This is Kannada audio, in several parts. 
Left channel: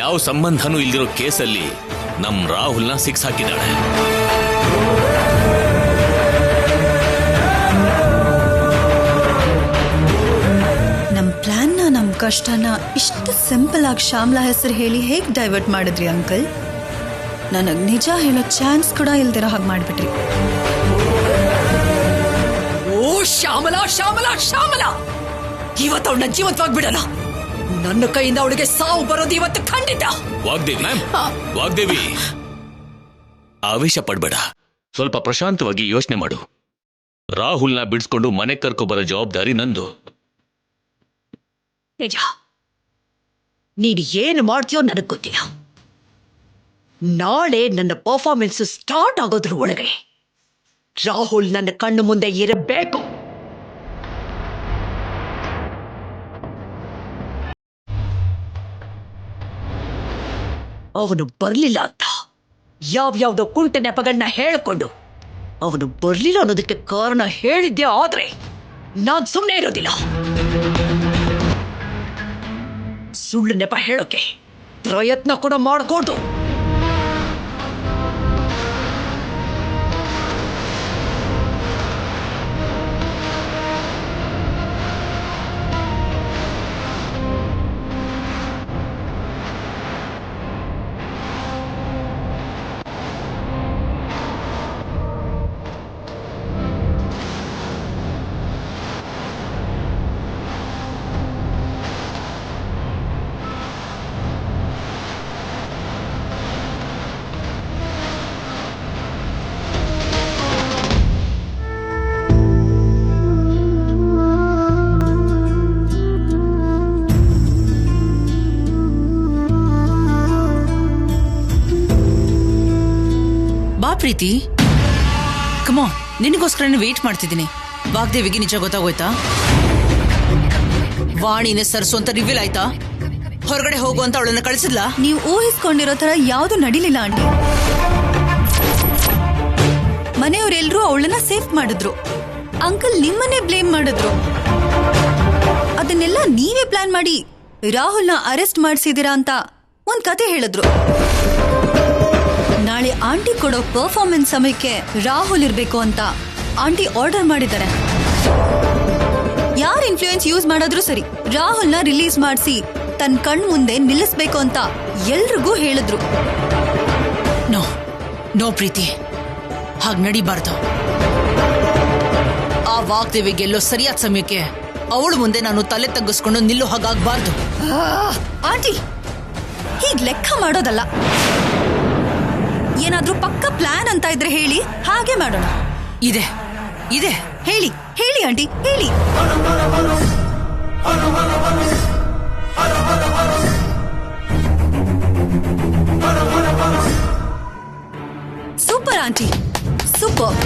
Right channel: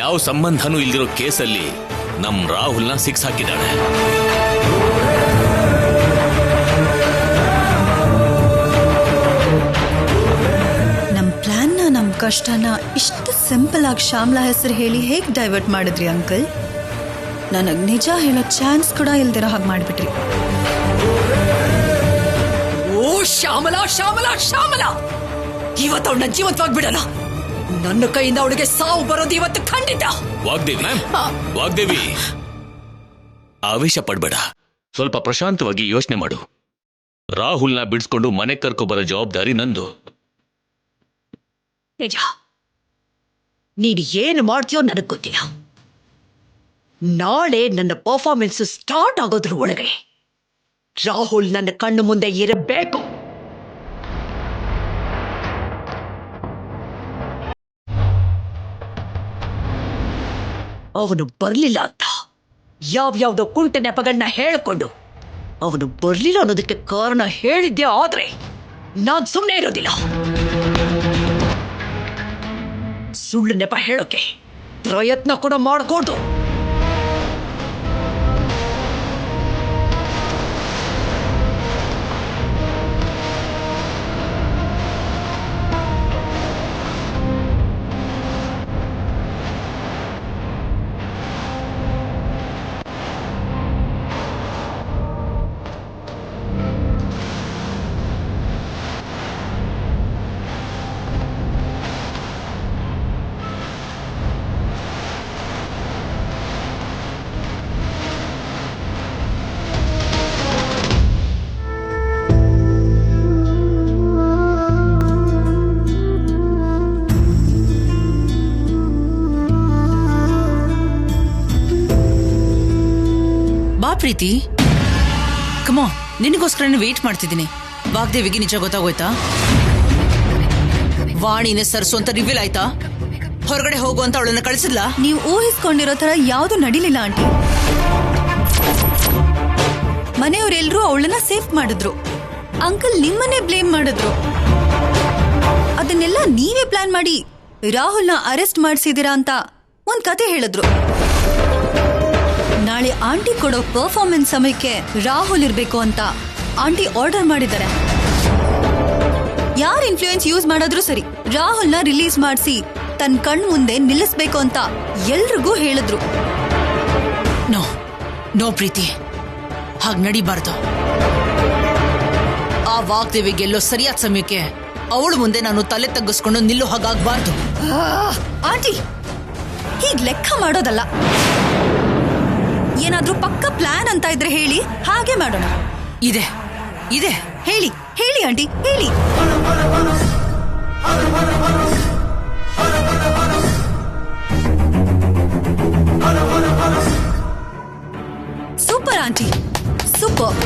ಯಾವ ಸಂಬಂಧನೂ ಇಲ್ದಿರೋ ಕೇಸಲ್ಲಿ ನಮ್ ರಾಹುಲ್ನ ಸಿಕ್ಸ್ ಹಾಕಿದ್ದಾಳೆ. ನಮ್ ಪ್ಲಾನ್ನ ನಮ್ ಕಷ್ಟನ ಇಷ್ಟು ಸಿಂಪಲ್ ಆಗಿ ಶ್ಯಾಮ್ಲಾ ಹೆಸರು ಹೇಳಿ ಹೇಗ್ ಡೈವರ್ಟ್ ಮಾಡಿದ್ರಿ ಅಂಕಲ್? ನನಗ್ ನಿಜ ಹೇಳೋ ಚಾನ್ಸ್ ಕೂಡ ಇಲ್ದಿರೋ ಹಾಗೆ ಮಾಡ್ಬಿಟ್ರಿ. ಓ ಶ್ಯಾಮಲಾ ಶ್ಯಾಮಲಾ ಶ್ಯಾಮಲಾ, ಇವತ್ತು ಅವಳನ್ನ ಜೀವಂತವಾಗಿ ಬಿಡಲ್ಲ. ನನ್ನ ಕೈಯಿಂದ ಅವಳಿಗೆ ಸಾವು ಬರೋದು ಇವತ್ತು ಖಂಡಿತ. ವಾಗ್ದೇವಿ ವಾಗ್ದೇವಿ, ಆವೇಶ ಪಡ್ಬೇಡ, ಸ್ವಲ್ಪ ಪ್ರಶಾಂತವಾಗಿ ಯೋಚನೆ ಮಾಡು. ರಾಹುಲ್ನ ಬಿಡಿಸ್ಕೊಂಡು ಮನೆ ಕರ್ಕೊ ಬರೋ ಜವಾಬ್ದಾರಿ ನಂದು. ನಿಜ, ನೀನು ಏನು ಮಾಡ್ತೀಯೋ ನನಗೆ ಗೊತ್ತಿಲ್ಲ. ನಾಳೆ ನನ್ನ ಪರ್ಫಾರ್ಮೆನ್ಸ್ ಸ್ಟಾರ್ಟ್ ಆಗೋದ್ರ ಒಳಗೆ ರಾಹುಲ್ ನನ್ನ ಕಣ್ಣು ಮುಂದೆ ಇರಬೇಕು. ಅವನು ಬರ್ಲಿಲ್ಲ ಅಂತ ಯಾವ್ಯಾವ್ದೋ ಕುಂಟ ನೆಪಗಳನ್ನ ಹೇಳ್ಕೊಂಡು ಅವನು ಬರ್ಲಿಲ್ಲ ಅನ್ನೋದಕ್ಕೆ ಕಾರಣ ಹೇಳಿದ್ದೆ ಆದ್ರೆ ನಾನ್ ಸುಮ್ಮನೆ ಇರೋದಿಲ್ಲ. ಸುಳ್ಳು ನೆಪ ಹೇಳೋಕೆ ಪ್ರಯತ್ನ ಕೂಡ ಮಾಡಕೂಡ್ದು. ಪ್ರೀತಿ, ಕಮಾನ್, ನಿನಗೋಸ್ಕರನೇ ವೇಟ್ ಮಾಡ್ತಿದ್ದೀನಿ. ವಾಗ್ದೇವಿಗೆ ನಿಜ ಗೊತ್ತಾಗೋಯ್ತಾ? ವಾಣಿನೇ ಸರ್ಸು ಅಂತ ರಿವೀಲ್ ಆಯ್ತಾ? ಹೊರಗಡೆ ಹೋಗು ಅಂತ ಅವಳನ್ನ ಕಳಿಸಿದ್ಲಾ? ನೀವು ಊಹಿಸ್ಕೊಂಡಿರೋ ತರ ಯಾವ್ದು ನಡಿಲಿಲ್ಲ ಆಂಟಿ. ಮನೆಯವರೆಲ್ಲರೂ ಅವಳನ್ನ ಸೇಫ್ ಮಾಡಿದ್ರು. ಅಂಕಲ್ ನಿಮ್ಮನ್ನೇ ಬ್ಲೇಮ್ ಮಾಡಿದ್ರು. ಅದನ್ನೆಲ್ಲ ನೀವೇ ಪ್ಲಾನ್ ಮಾಡಿ ರಾಹುಲ್ನ ಅರೆಸ್ಟ್ ಮಾಡಿಸಿದೀರಾ ಅಂತ ಒಂದ್ ಕತೆ ಹೇಳಿದ್ರು. ನಾಳೆ ಆಂಟಿ ಕೊಡೋ ಪರ್ಫಾರ್ಮೆನ್ಸ್ ಸಮಯಕ್ಕೆ ರಾಹುಲ್ ಇರ್ಬೇಕು ಅಂತ ಆಂಟಿ ಆರ್ಡರ್ ಮಾಡಿದ್ದಾರೆ. ಯಾರ್ ಇನ್ಫ್ಲೂಯೆನ್ಸ್ ಯೂಸ್ ಮಾಡಿದ್ರು ಸರಿ, ರಾಹುಲ್ನ ರಿಲೀಸ್ ಮಾಡಿಸಿ ತನ್ನ ಕಣ್ ಮುಂದೆ ನಿಲ್ಲಿಸ್ಬೇಕು ಅಂತ ಎಲ್ರಿಗೂ ಹೇಳಿದ್ರು. ನೋ ನೋ ಪ್ರೀತಿ, ಹಾಗ್ ನಡಿಬಾರ್ದು. ಆ ವಾಗ್ದೇವಿಗೆ ಎಲ್ಲೋ ಸರಿಯಾದ ಸಮಯಕ್ಕೆ ಅವಳು ಮುಂದೆ ನಾನು ತಲೆ ತಗ್ಗಿಸ್ಕೊಂಡು ನಿಲ್ಲೋ ಹಾಗಾಗ್ಬಾರ್ದು. ಆಂಟಿ, ಹೀಗ್ ಲೆಕ್ಕ ಮಾಡೋದಲ್ಲ. ಏನಾದ್ರೂ ಪಕ್ಕ ಪ್ಲಾನ್ ಅಂತ ಇದ್ರೆ ಹೇಳಿ, ಹಾಗೆ ಮಾಡೋಣ. ಇದೆ ಇದೆ, ಹೇಳಿ ಹೇಳಿ ಆಂಟಿ, ಹೇಳಿ. Super aunty, super.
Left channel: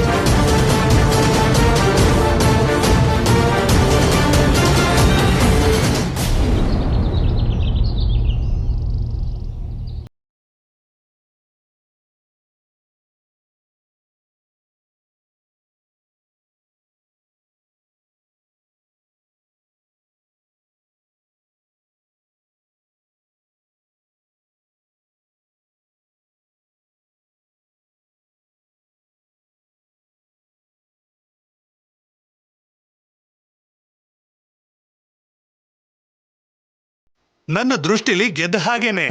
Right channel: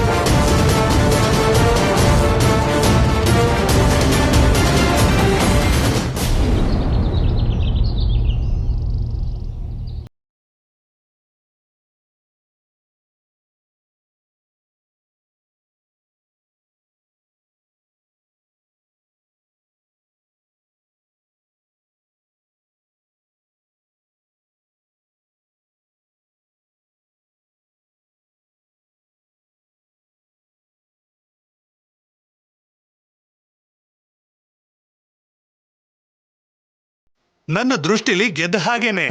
ನನ್ನ ದೃಷ್ಟಿಲಿ ಗೆದ್ದ ಹಾಗೇನೆ.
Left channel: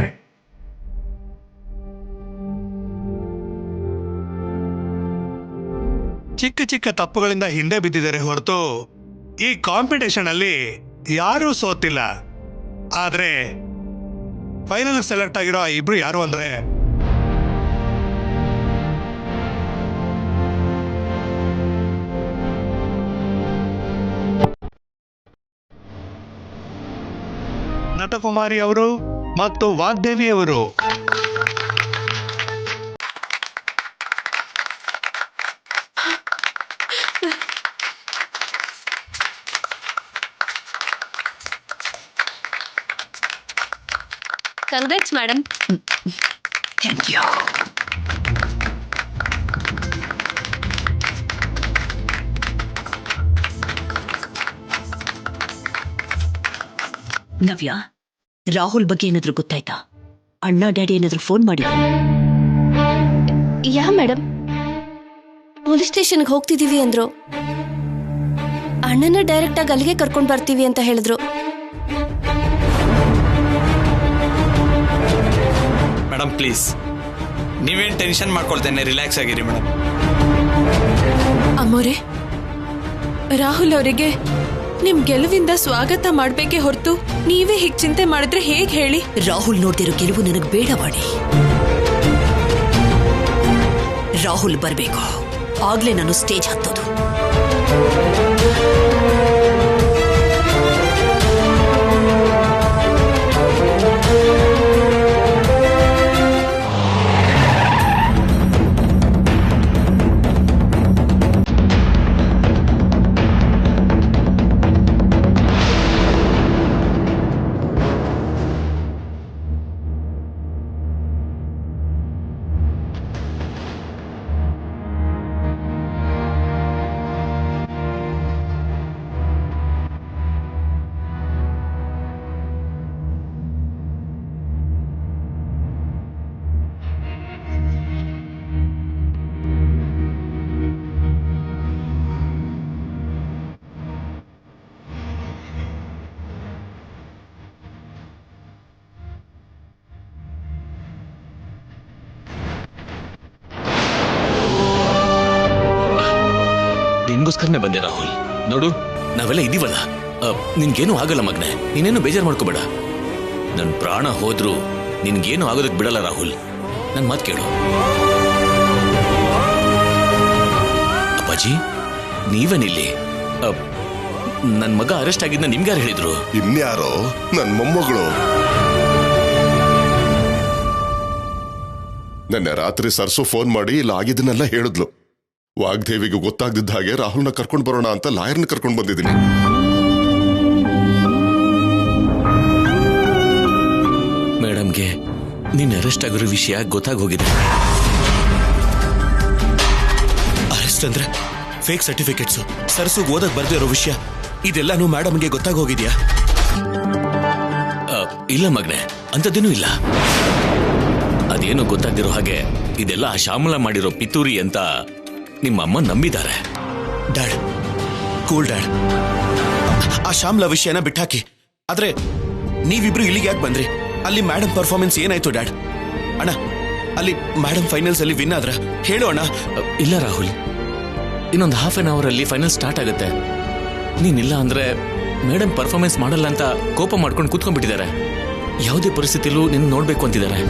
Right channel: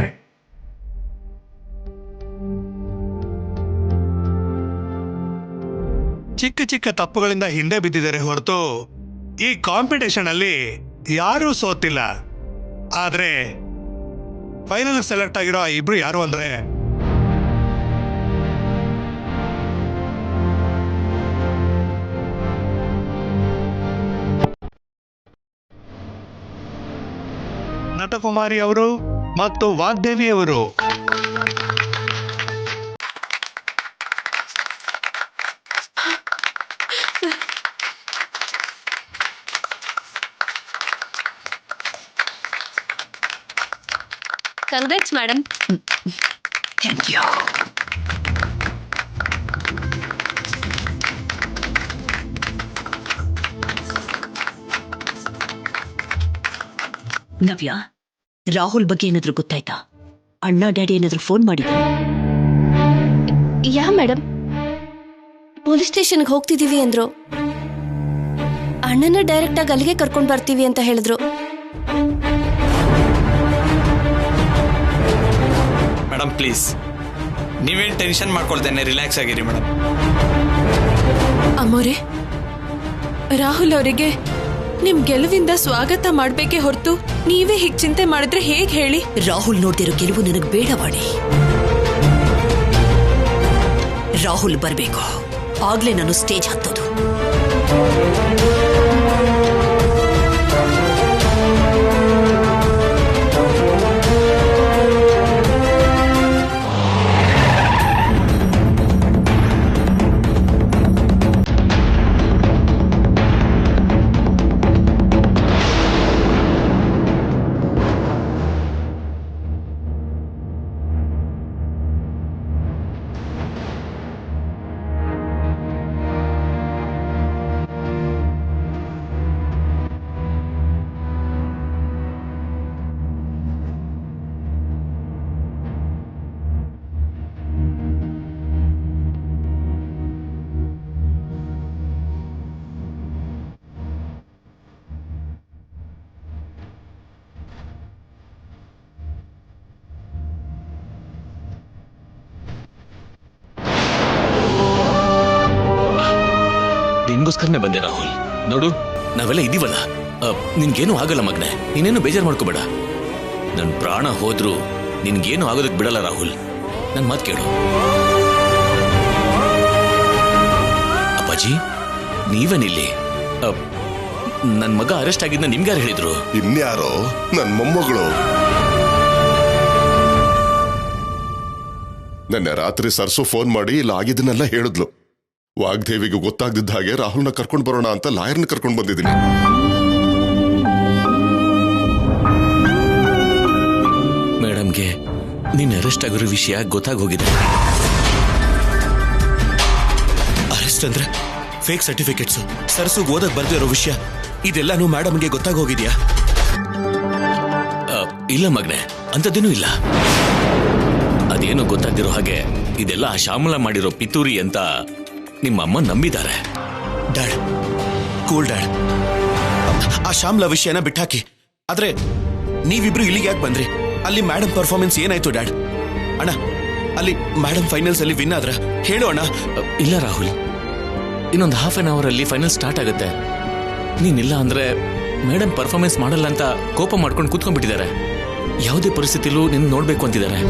ಚಿಕ್ಕ ಚಿಕ್ಕ ತಪ್ಪುಗಳಿಂದ ಹಿಂದೆ ಬಿದ್ದಿದ್ದಾರೆ ಹೊರತು ಈ ಕಾಂಪಿಟೇಷನ್ ಅಲ್ಲಿ ಯಾರೂ ಸೋತಿಲ್ಲ. ಆದ್ರೆ ಫೈನಲ್ ಸೆಲೆಕ್ಟ್ ಆಗಿರೋ ಇಬ್ರು ಯಾರು ಅಂದ್ರೆ ನಟಕುಮಾರಿ ಅವರು ಮತ್ತು ವಾಗ್ದೇವಿ ಅವರು. Congrats, madam. Thank you. ನವ್ಯ, ರಾಹುಲ್ ಬಗ್ಗೆ ಏನಾದ್ರೂ ಗೊತ್ತಾಯ್ತಾ? ಅಣ್ಣ ಡ್ಯಾಡಿ ಏನಾದ್ರು ಫೋನ್ ಮಾಡಿದ್ರು? ಯಾ ಮೇಡಮ್, ಪೊಲೀಸ್ ಸ್ಟೇಷನ್ಗೆ ಹೋಗ್ತಿದೀವಿ ಅಂದ್ರು. ಅಣ್ಣನ ಡೈರೆಕ್ಟ್ ಆಗಿ ಅಲ್ಲಿಗೆ ಕರ್ಕೊಂಡು ಬರ್ತೀವಿ ಅಂತ ಹೇಳಿದ್ರು. ಮೇಡಮ್ ಪ್ಲೀಸ್, ನೀವೇನು ಟೆನ್ಷನ್ ಮಾಡ್ಕೊಳ್ತೇನೆ, ರಿಲ್ಯಾಕ್ಸ್ ಆಗಿರಿ ಮೇಡಮ್. ಅಮ್ಮೋರೆ, ರಾಹುಲ್ ಅವರಿಗೆ ನಿಮ್ ಗೆಲುವಿಂದ ಸ್ವಾಗತ ಮಾಡ್ಬೇಕೇ ಹೊರತು ನೀವೇ ಹೀಗ್ ಚಿಂತೆ ಮಾಡಿದ್ರೆ ಹೇಗ್ ಹೇಳಿ? ರಾಹುಲ್ ನೋಡ್ದಿರೋ ಗೆಲುವು ನನಗೆ ಬೇಡವಾಡಿ. ರಾಹುಲ್ ಬರ್ಬೇಕು, ಆಗ್ಲೇ ನಾನು ಸ್ಟೇಜ್ ಹತ್ತೋದು. ನಿನ್ಗೋಸ್ಕರನೇ ಬಂದೆ ರಾಹುಲ್. ನೋಡು, ನಾವೆಲ್ಲ ಇದೀವಲ್ಲ, ನಿನ್ಗೇನು ಆಗಲ್ಲ ಮಗ್ನೆ, ನೀನೇನು ಬೇಜಾರು ಮಾಡ್ಕೋಬೇಡ. ನನ್ ಪ್ರಾಣ ಹೋದ್ರು ನಿನ್ಗೇನು ಆಗೋದಕ್ ಬಿಡಲ್ಲ ರಾಹುಲ್. ನನ್ ಮಾತು ಕೇಳು. ಅಪ್ಪಾಜಿ, ನೀವೇನಿಲ್ಲಿ? ನನ್ ಮಗ ಅರೆಸ್ಟ್ ಆಗಿದ್ನ ನಿಮ್ಗೆ ಯಾರು ಹೇಳಿದ್ರು? ಇನ್ಯಾರೋ ನನ್ ಮೊಮ್ಮಗಳು. ನೆನ್ನೆ ರಾತ್ರಿ ಸರ್ಸು ಫೋನ್ ಮಾಡಿ ಇಲ್ಲ ಆಗಿದ್ದನ್ನೆಲ್ಲ ಹೇಳಿದ್ಲು. ವಾಗ್ದೇವಿಗೆ ಗೊತ್ತಾಗ್ದಿದ್ದ ಹಾಗೆ ರಾಹುಲ್ನ ಕರ್ಕೊಂಡು ಬರೋಣ ಅಂತ ಲಾಯರ್ನ ಕರ್ಕೊಂಡು ಬಂದಿದ್ದೀನಿ. ಮೇಡಮ್ಗೆ ನೀನ್ ಅರೆಸ್ಟ್ ಆಗಿರೋ ವಿಷಯ ಗೊತ್ತಾಗೋಗಿದೆ. ಅರೆಸ್ಟ್ ಅಂದ್ರೆ ಫೇಕ್ ಸರ್ಟಿಫಿಕೇಟ್ಸ್, ಸರ್ಸು ಓದಕ್ ಬರ್ದೇ ಇರೋ ವಿಷಯ, ಇದೆಲ್ಲಾನು ಮೇಡಮ್ಗೆ ಗೊತ್ತಾಗೋಗಿದ್ಯಾ? ಇಲ್ಲ ಮಗ್ನೆ, ಅಂಥದ್ದೇನೂ ಇಲ್ಲ. ಅದೇನು ಗೊತ್ತಾಗ್ದಿರೋ ಹಾಗೆ ಇದೆಲ್ಲ ಆ ಶ್ಯಾಮಲ ಮಾಡಿರೋ ಪಿತೂರಿ ಅಂತ ನಿಮ್ಮ ಅಮ್ಮ ನಂಬಿದ್ದಾರೆ. Dad, cool dad. ಆ ಶ್ಯಾಮ್ಲ ವಿಷಯನ ಬಿಟ್ಟಾಕಿ. ಆದ್ರೆ ನೀವಿಬ್ರು ಇಲ್ಲಿಗೆ ಯಾಕೆ ಬಂದ್ರಿ? ಅಲ್ಲಿ ಮೇಡಮ್ ಪರ್ಫಾರ್ಮೆನ್ಸ್ ಏನಾಯ್ತು ಡ್ಯಾಡ್? ಅಣ್ಣ, ಅಲ್ಲಿ ಮೇಡಮ್ ಫೈನಲ್ಸ್ ಅಲ್ಲಿ ವಿನ್ ಆದ್ರ ಹೇಳು ಅಣ್ಣ. ಇಲ್ಲ ರಾಹುಲ್, ಇನ್ನೊಂದು ಹಾಫ್ ಅನ್ ಅವರ್ ಅಲ್ಲಿ ಫೈನಲ್ ಸ್ಟಾರ್ಟ್ ಆಗುತ್ತೆ. ನೀನಿಲ್ಲ ಅಂದ್ರೆ ಮೇಡಮ್ ಪರ್ಫಾರ್ಮೆನ್ಸ್ ಮಾಡಲ್ಲ ಅಂತ ಕೋಪ ಮಾಡ್ಕೊಂಡು ಕೂತ್ಕೊಂಡ್ಬಿಟ್ಟಿದ್ದಾರೆ. ಯಾವುದೇ ಪರಿಸ್ಥಿತಿಲೂ ನಿನ್ನ ನೋಡ್ಬೇಕು ಅಂತಿದ್ದಾರೆ.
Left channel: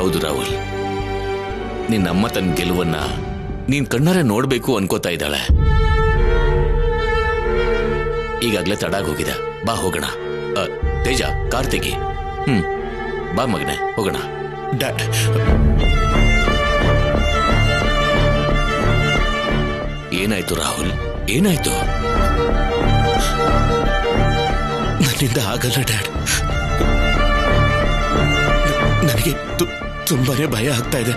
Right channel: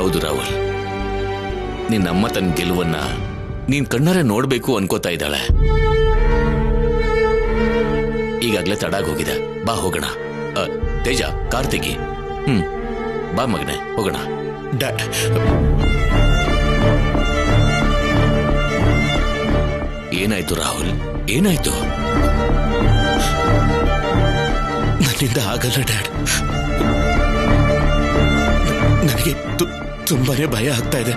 ಹೌದು ರಾಹುಲ್, ನಿನ್ನಮ್ಮ ತನ್ನ ಗೆಲುವನ್ನ ನೀನ್ ಕಣ್ಣಾರೆ ನೋಡ್ಬೇಕು ಅನ್ಕೋತಾ ಇದ್ದಾಳೆ. ಈಗಾಗ್ಲೇ ತಡಾಗೋಗಿದೆ, ಬಾ ಹೋಗೋಣ. ತೇಜ, ಕಾರ್ ತೆಗಿ. ಬಾ ಮಗನೆ, ಹೋಗೋಣ. ಡ್ಯಾಡ್, ಏನಾಯ್ತು ರಾಹುಲ್, ಏನಾಯ್ತು? ನನ್ನಿಂದ ಆಗಲ್ಲ ಡ್ಯಾಡ್. ನನಗೆ ತುಂಬಾನೇ ಭಯ ಆಗ್ತಾ ಇದೆ.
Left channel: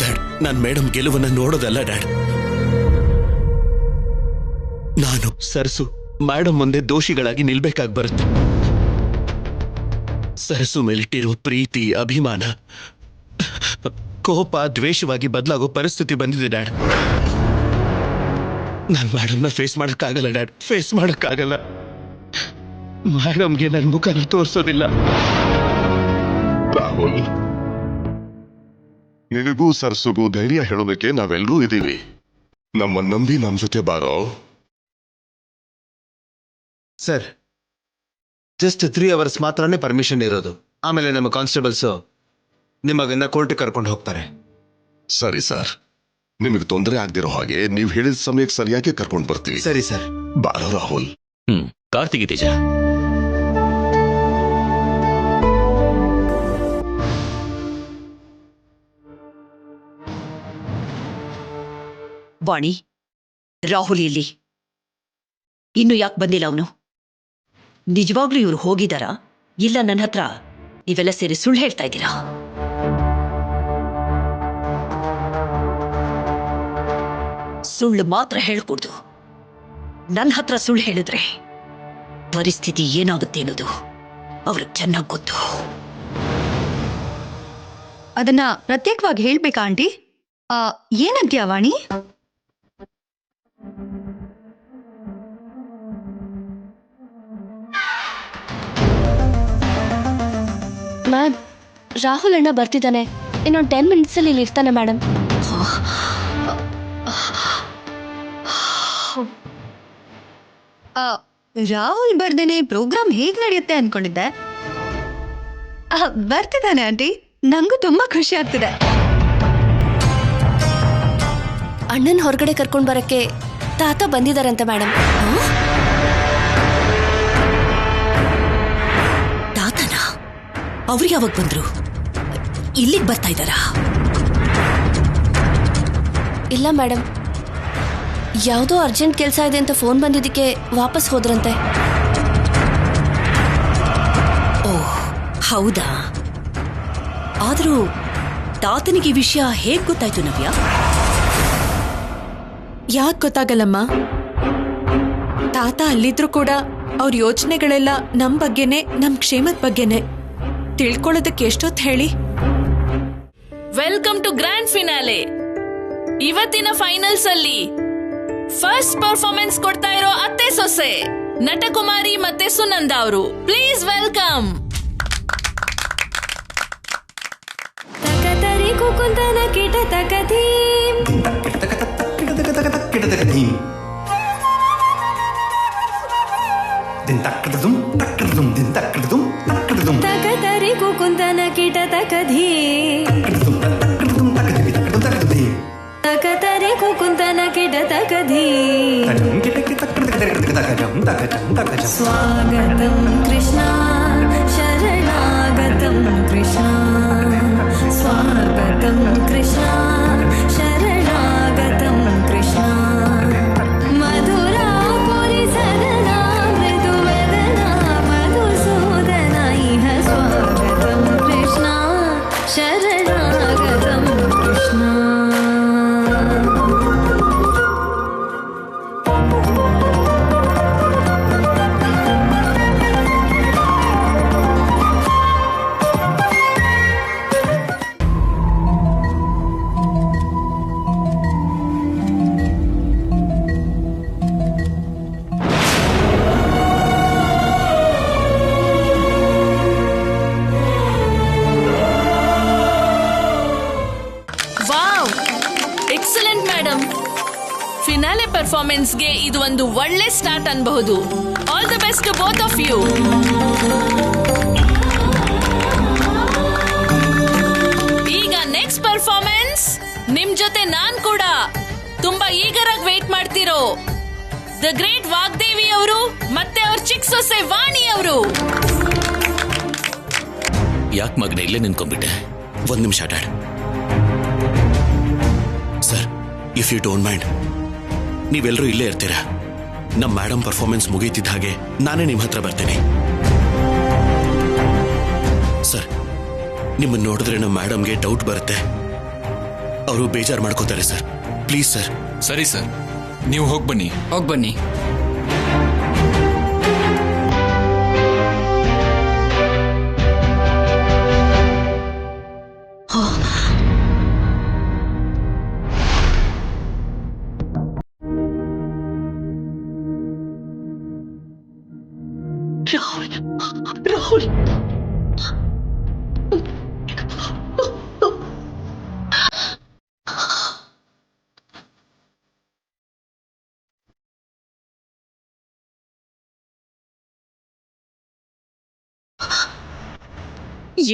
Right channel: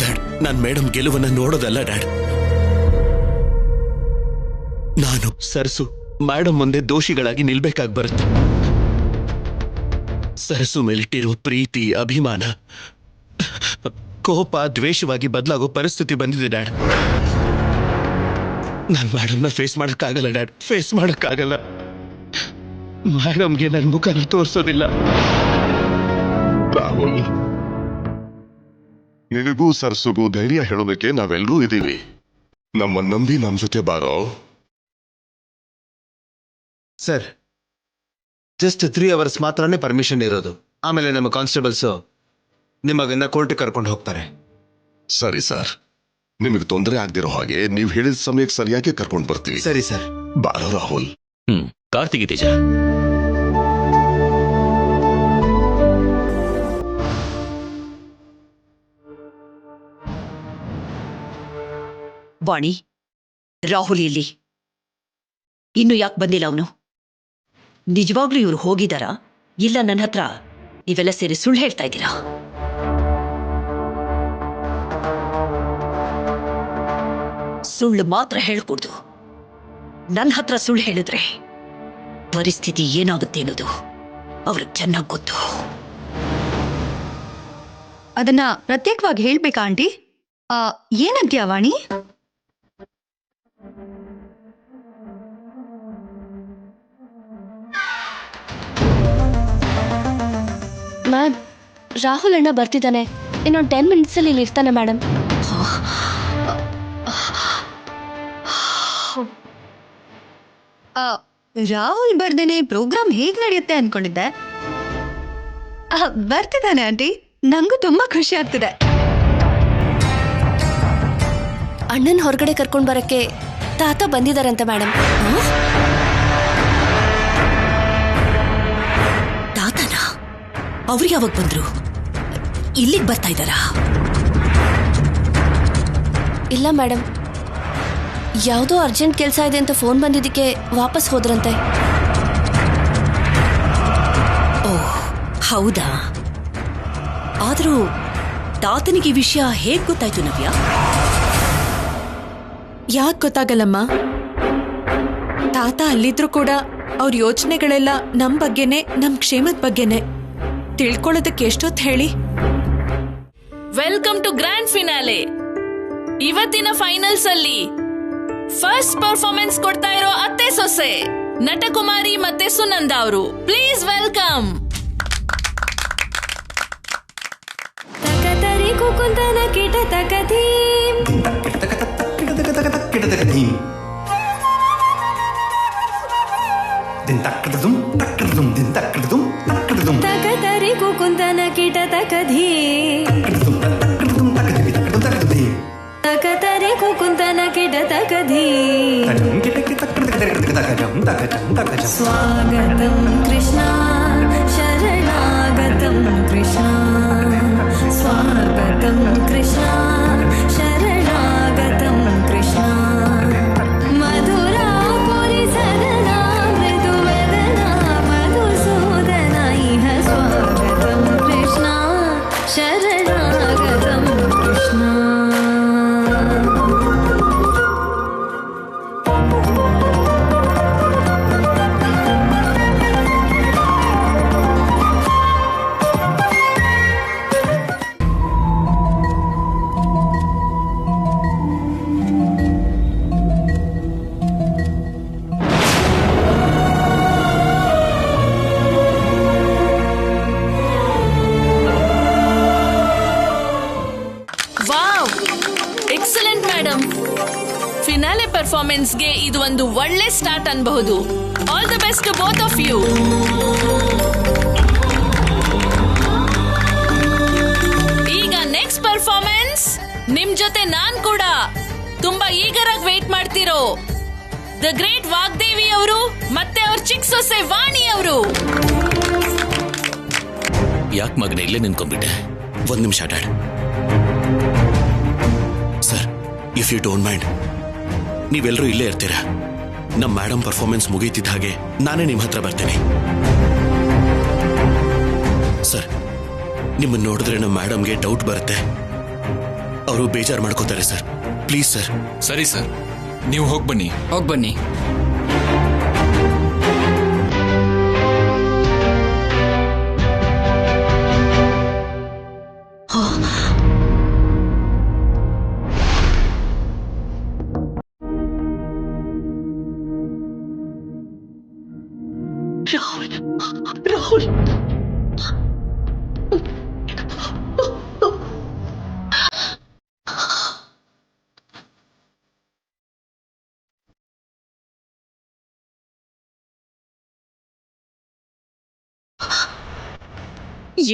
ಡ್ಯಾಡ್, ನಾನ್ ಮೇಡಮ್ ಗೆಲುವನ್ನ ನೋಡೋದಲ್ಲ ಡ್ಯಾಡ್. ನಾನು ಸರ್ಸು ಮೇಡಮ್ ಮುಂದೆ ದೋಷಿಗಳಾಗಿ ನಿಲ್ಬೇಕಾಗಿ ಬರುತ್ತೆ. ಸರ್ಸು ಮೇಲಿಟ್ಟಿರೋ ಪ್ರೀತಿ, ಅಭಿಮಾನ, ಕೋಪ ದ್ವೇಷವಾಗಿ ಬದಲಾಗೋ ಪರಿಸ್ಥಿತಿ ಬಂದಿದೆ ಡ್ಯಾಡ್. ನಾನು ಮೇಡಮ್ನ ಫೇಸ್ ಮಾಡಕ್ಕಾಗಲ್ಲ ಡ್ಯಾಡ್, ಫೇಸ್ ಮಾಡಕ್ಕಾಗಲ್ಲ. ಮೇಡಮ್ಗೆ ನನ್ನ ಮುಖನ ತೋರಿಸೋದಿಲ್ಲ. ರಾಹುಲ್, ನಿನಗೂ ಸರ್ಸುಗೂ ಧೈರ್ಯ ಹೇಳೋದಕ್ಕೆ ನಾವೆಲ್ಲರೂ ಇದ್ದೀವಿ. ನಮ್ಮ ನಂಬಿ ನಮ್ ಜೊತೆ ಬಾರೋ. ಸರ್, ಜಸ್ಟ್ 3 hours ಮಾತ್ರನೇ ಪರ್ಮಿಷನ್ ಇರೋದು. ಆಮೇಲೆ ನಮ್ಮ ಕಾನ್ಸ್ಟೇಬಲ್ಸು ನಿಮಗನ್ನ ಕೋರ್ಟಿಗೆ ಕರ್ಕೊಂಡು ಹೋಗ್ತಾರೆ. ಸರಿ ಸರ್, ನಿಮಗೆ ತೊಂದರೆ ಆಗ್ದಿರೋ ಹಾಗೆ ನೀವು ಹೇಳಿದ ಸಮಯಕ್ಕೆ ಸರಿಯಾಗಿ ಕರ್ಕೊಂಡು ಬರ್ತೀವಿ. ಸರಿ ಸರ್. ಬಾರೋ ರಾಹುಲ್. ಕಾರ್ತಿಕ್, ತೇಜ. ವಾಣಿ, ರಾಹುಲ್ ಇಲ್ಲಿ ಇನ್ನು ಯಾಕೆ ಬಂದಿಲ್ಲ ಅವನು? ನಿಜವಾಗ್ಲೂ ಇವ್ರು ಹೋಗಿದಾರಾ ಇಲ್ಲ ನನ್ನ ಹತ್ರ ನೀವೆಲ್ಲ ಸೇರಿ ಸುಳ್ಳು ಹೇಳ್ತಾ ಇದ್ದೀರಾ? ಸುಳ್ಳು ಮಾತ್ರ ಹೇಳ್ಕೊಡ್ದು. ನನ್ನ ಹತ್ರ ಸುಳ್ಳು ಹೇಳಿದ್ರೆ ಪರಿಸ್ಥಿತಿ ಏನಾಗುತ್ತೆ ಅನ್ನೋದು ಅವ್ರಿಗೆ ಚೆನ್ನಾಗಿ ಗೊತ್ತು. ಅದನ್ನ ಪ್ರತ್ಯೇಕವಾಗಿ ಹೇಳ್ಬೇಕಾ ಆಂಟಿ? ಏನಂತೀಯ ವಾಣಿ? ಮ್ಯಾಮ್, ರಾಹುಲ್ ಅಣ್ಣ ಬರ್ತಿದ್ದಾನೆ. ಇನ್ನೊಂದು 10 ಮಿನಿಟ್ಸಲ್ಲಿ ಇಲ್ಲಿ ಇರ್ತಾನೆ ಮೇಡಮ್. ರಾಹುಲ್ ಬರ್ದೇನೆ ಪ್ರೋಗ್ರಾಮ್ ಹೇಗ್ ನಡೆಯುತ್ತೆ ಅನ್ಕೊಂಡಿದ್ದೆ. ಬರ್ತಿದ್ದಾನೆ ಆಂಟಿ, ನಂಗೂ ತುಂಬಾ ಖುಷಿ ಆಗ್ತಿದೆ. ಅಣ್ಣನ ಹೊರಗಡೆ ಕರ್ಕೊಂಡು ಬರಕ್ಕೆ ತಾತ ಬಂದಿದಾರಂತೆ ಮೇಡಮ್. ತಾತನ ಅವ್ರು ಯಾವಾಗ ಬಂದ್ರು? ಇಲ್ಲಿಗೆ ಬರ್ತಾ ಇದ್ದಾರಾ? ಇಲ್ಲ ಮೇಡಮ್, ಯಾವುದೋ ಅರ್ಜೆಂಟ್ ಕೆಲಸ ಇದೆ ಅಂತ ಫೋನ್ ಬಂದಿದ್ದಕ್ಕೆ ವಾಪಸ್ ಹೋದ್ರಂತೆ. ಓಹ್ ಹೌದಾ? ಆದರೂ ತಾತನಿಗೆ ಈ ವಿಷಯ ಹೇಗ್ ಗೊತ್ತಾಯ್ತು ನವ್ಯ? ಯಾಕೆ ಗೊತ್ತಾಗಲ್ಲಮ್ಮ? ತಾತ ಅಲ್ಲಿದ್ರು ಕೂಡ ಅವ್ರ ಯೋಚನೆಗಳೆಲ್ಲ ನಮ್ ಬಗ್ಗೆನೆ, ನಮ್ ಕ್ಷೇಮದ ಬಗ್ಗೆನೆ. ತಿಳ್ಕೊಳ್ಳೋದಕ್ಕೆ ಎಷ್ಟೊತ್ತು ಹೇಳಿ? Welcome to grand finale. ಇವತ್ತಿನ ಫೈನಲ್ಸ್ ಅಲ್ಲಿ ಫಸ್ಟ್ ಪರ್ಫಾರ್ಮೆನ್ಸ್ ಕೊಡ್ತಾ ಇರೋ ಅತ್ತೆ ಸೊಸೆ ನಟಕುಮಾರಿ ಮತ್ತೆ ಸುನಂದ ಅವರು. Please welcome. ತಕತರಿ ಕುಕುಂದನ ಕಿಟ ತಕದಿ ತಕತರಿ ಕುಕುಂದನ ಕಿಟ ತಕದಿ ತಕತರಿ ಕುಕುಂದನ ಕಿಟ ತಕದಿ. ಸ್ವಾಗತಂ ಕೃಷ್ಣ ಶರಣಾಗತಂ ಕೃಷ್ಣ, ಸ್ವಾಗತಂ ಕೃಷ್ಣ ಶರಣಾಗತಂ ಕೃಷ್ಣ. ಮಧುರಾಪುರಿ ಸದನಾ ಮೃದುವದನಾ ಮಧುಸೂದನ ಇಹ ಸ್ವಾಗತಂ ಕೃಷ್ಣ ಶರಣಾಗತಂ Krishna. Wow, excellent madam. Finale ಪರ್ಫಾರ್ಮೆನ್ಸ್ಗೆ ಇದು ಒಂದು ಒಳ್ಳೆ ಸ್ಟಾರ್ಟ್ ಅನ್ಬಹುದು. All the best to both of you. ಈಗ ನೆಕ್ಸ್ಟ್ ಪರ್ಫಾರ್ಮೆನ್ಸ್ ನಿಮ್ ಜೊತೆ ನಾನ್ ಕೂಡ ತುಂಬಾ ಈಗರಾಗಿ ವೇಟ್ ಮಾಡ್ತಿರೋ ದ ಗ್ರೇಟ್ ವಾಗ್ದೇವಿ ಅವರು ಮತ್ತೆ ಅವ್ರ ಚಿಕ್ಕ ಸೊಸೆ ವಾಣಿ ಅವರು. ಯಾಕೆ ಮಗನೇ ಇಲ್ಲೇ ನಿಂತ್ಕೊಂಡ್ಬಿಟ್ಟೆ? ಒಂದ್ ನಿಮಿಷ dad. Sir, if you don't mind, ನೀವೆಲ್ಲರೂ ಇಲ್ಲೇ ಇರ್ತೀರಾ. ನಮ್ಮ ಮೇಡಮ್ ಪರ್ಫಾರ್ಮೆನ್ಸ್ ಮುಗೀತಿದ್ದ ಹಾಗೆ ನಾನೇ ನಿಮ್ಮ ಹತ್ರ ಬರ್ತೇನೆ. ಸರ್, ನಿಮ್ಮನ್ನು ನೋಡಿದ್ರೆ ನಮ್ಮ ಮೇಡಮ್ಗೆ ಡೌಟ್ ಬರುತ್ತೆ. ಅವರು ಬೇಜಾರು ಮಾಡ್ಕೋತಾರೆ ಸರ್. Please sir. ಸರಿ ಸರ್, ನೀವು ಹೋಗ್ಬನ್ನಿ. ಹೋಗ್ಬನ್ನಿ. ರಾಹುಲ್, ರಾಹುಲ್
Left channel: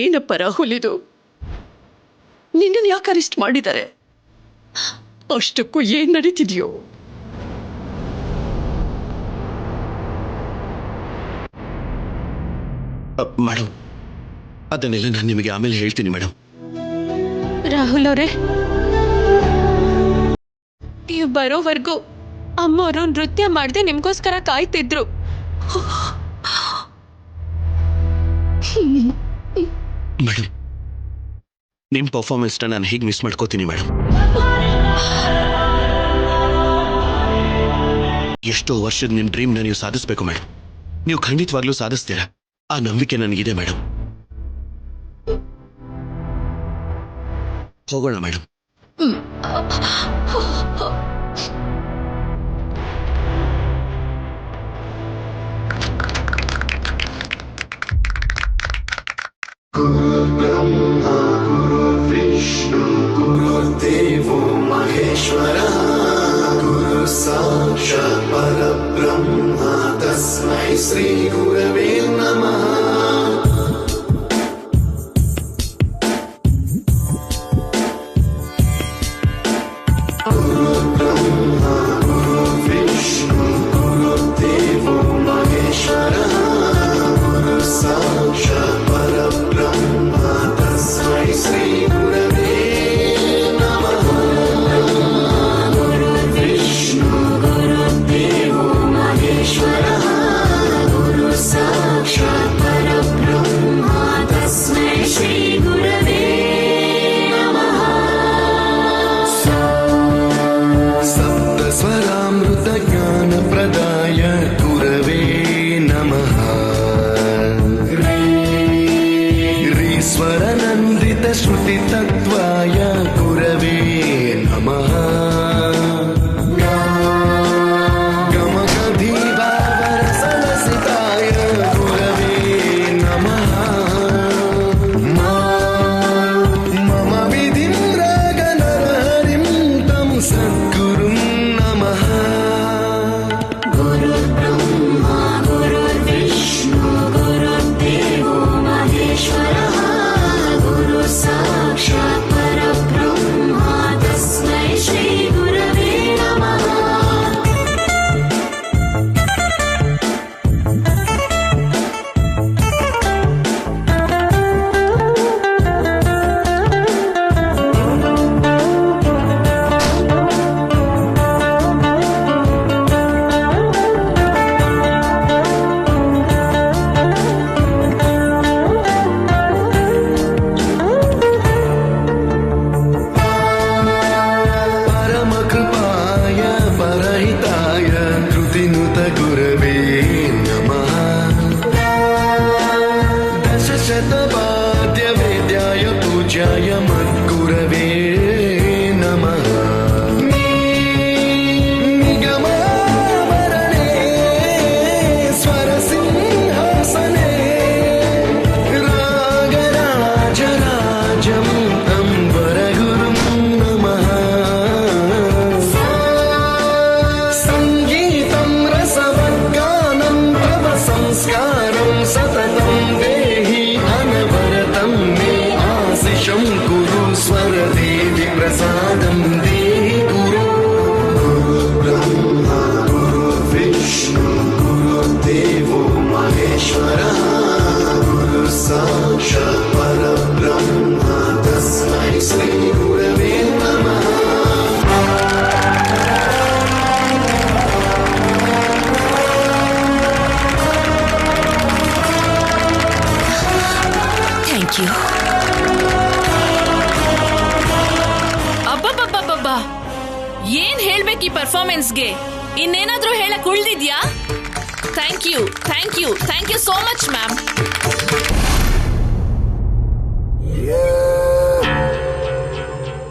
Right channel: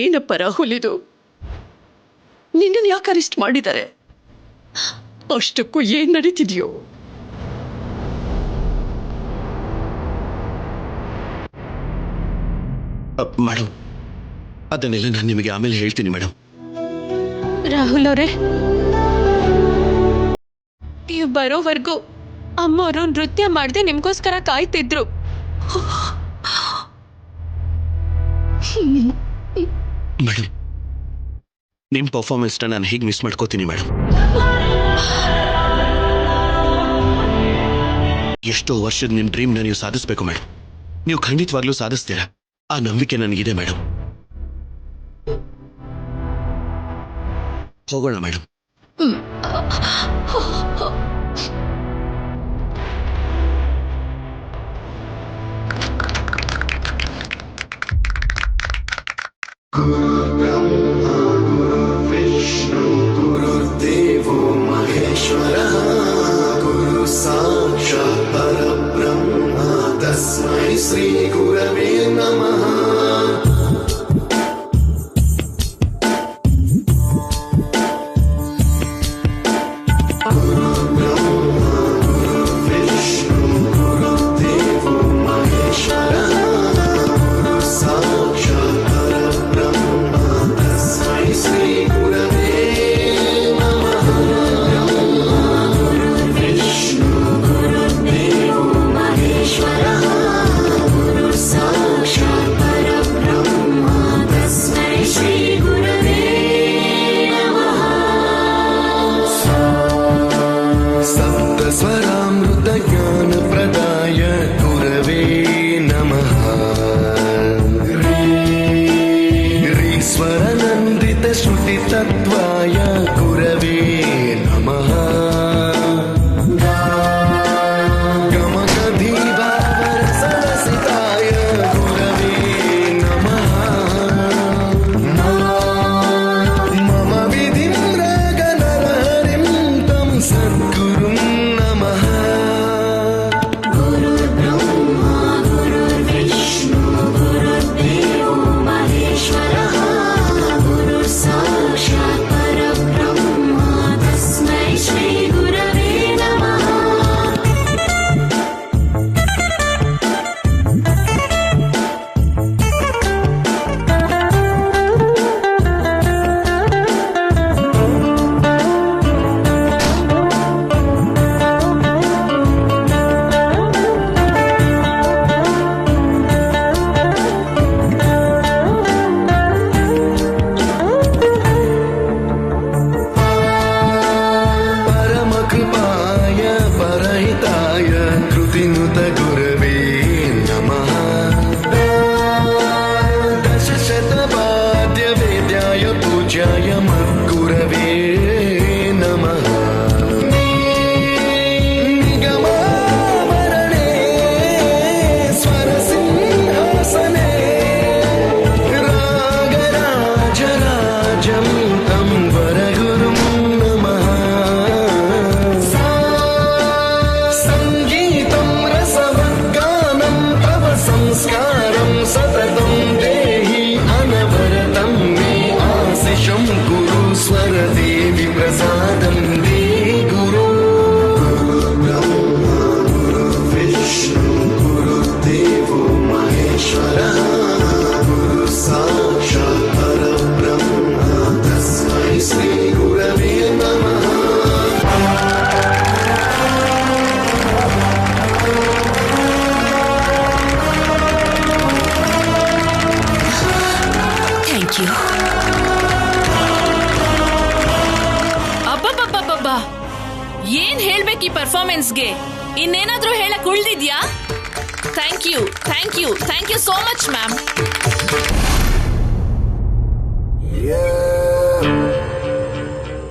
ಏನಪ್ಪ ರಾಹುಲ್ ಇದು? ನಿನ್ನನ್ನು ಯಾಕೆ ಅರೆಸ್ಟ್ ಮಾಡಿದ್ದಾರೆ? ಅಷ್ಟಕ್ಕೂ ಏನ್ ನಡೀತಿದೆಯೋ? ಮೇಡಮ್, ಅದನ್ನೆಲ್ಲ ನಾನು ನಿಮಗೆ ಆಮೇಲೆ ಹೇಳ್ತೀನಿ ಮೇಡಮ್. ರಾಹುಲ್ ಅವರೇ, ನೀವು ಬರೋವರೆಗೂ ಅಮ್ಮವರು ನೃತ್ಯ ಮಾಡದೆ ನಿಮ್ಗೋಸ್ಕರ ಕಾಯ್ತಿದ್ರು. ಮೇಡಮ್, ನಿಮ್ಮ ಪರ್ಫಾರ್ಮೆನ್ಸ್ನ ನಾನು ಹೇಗೆ ಮಿಸ್ ಮಾಡ್ಕೋತೀನಿ ಮೇಡಮ್? ಎಷ್ಟೋ ವರ್ಷದ ನಿಮ್ಮ ಡ್ರೀಮ್ನ ನೀವು ಸಾಧಿಸ್ಬೇಕು ಮೇಡಮ್. ನೀವು ಖಂಡಿತವಾಗ್ಲೂ ಸಾಧಿಸ್ತೀರಾ, ಆ ನಂಬಿಕೆ ನನಗಿದೆ ಮೇಡಮ್. ಹೋಗೋಣ ಮೇಡಮ್. ज्ञानप्रदाय गुरवे नमः। ऋस्वरनन्दितश्रुतितत्त्वाय गुरवे नमः। गमगधीभावरसलसिताय गुरवे नमः। मम विधिं रागनरहरिं तं सद्गुरुं नमः। परमकृपाय परहिताय कृतिनुत गुरवे नमः। दशशतवाद्यवेद्याय पूज्याय मद्गुरवे नमः। निगमावरणे स्वरसिंहासने रागराजराजम् अम्बरगुरुं नमः। संगीतं रसवर्गानं तव संस्कारं सततं देहि अनवरतं मे आशिषं कुरु स्वरदेवि प्रसादं देहि गुरो। गुरुर्ब्रह्मा गुरुर्विष्णु गुरुर्देवो महेश्वरः। गुरु साक्षात् परब्रह्म तस्मै श्री गुरवे नमः। Thank you. ಅಬ್ಬಬ್ಬಬ್ಬಬ್ಬ, ಏನ್ ಹೇಳ್ಬೇಕು ಈ ಪರ್ಫಾರ್ಮೆನ್ಸ್ಗೆ? ಇನ್ನೇನಾದ್ರೂ ಹೇಳಕ್ ಉಳ್ದಿದ್ಯಾ? Thank you, thank you, thank you so much ma'am.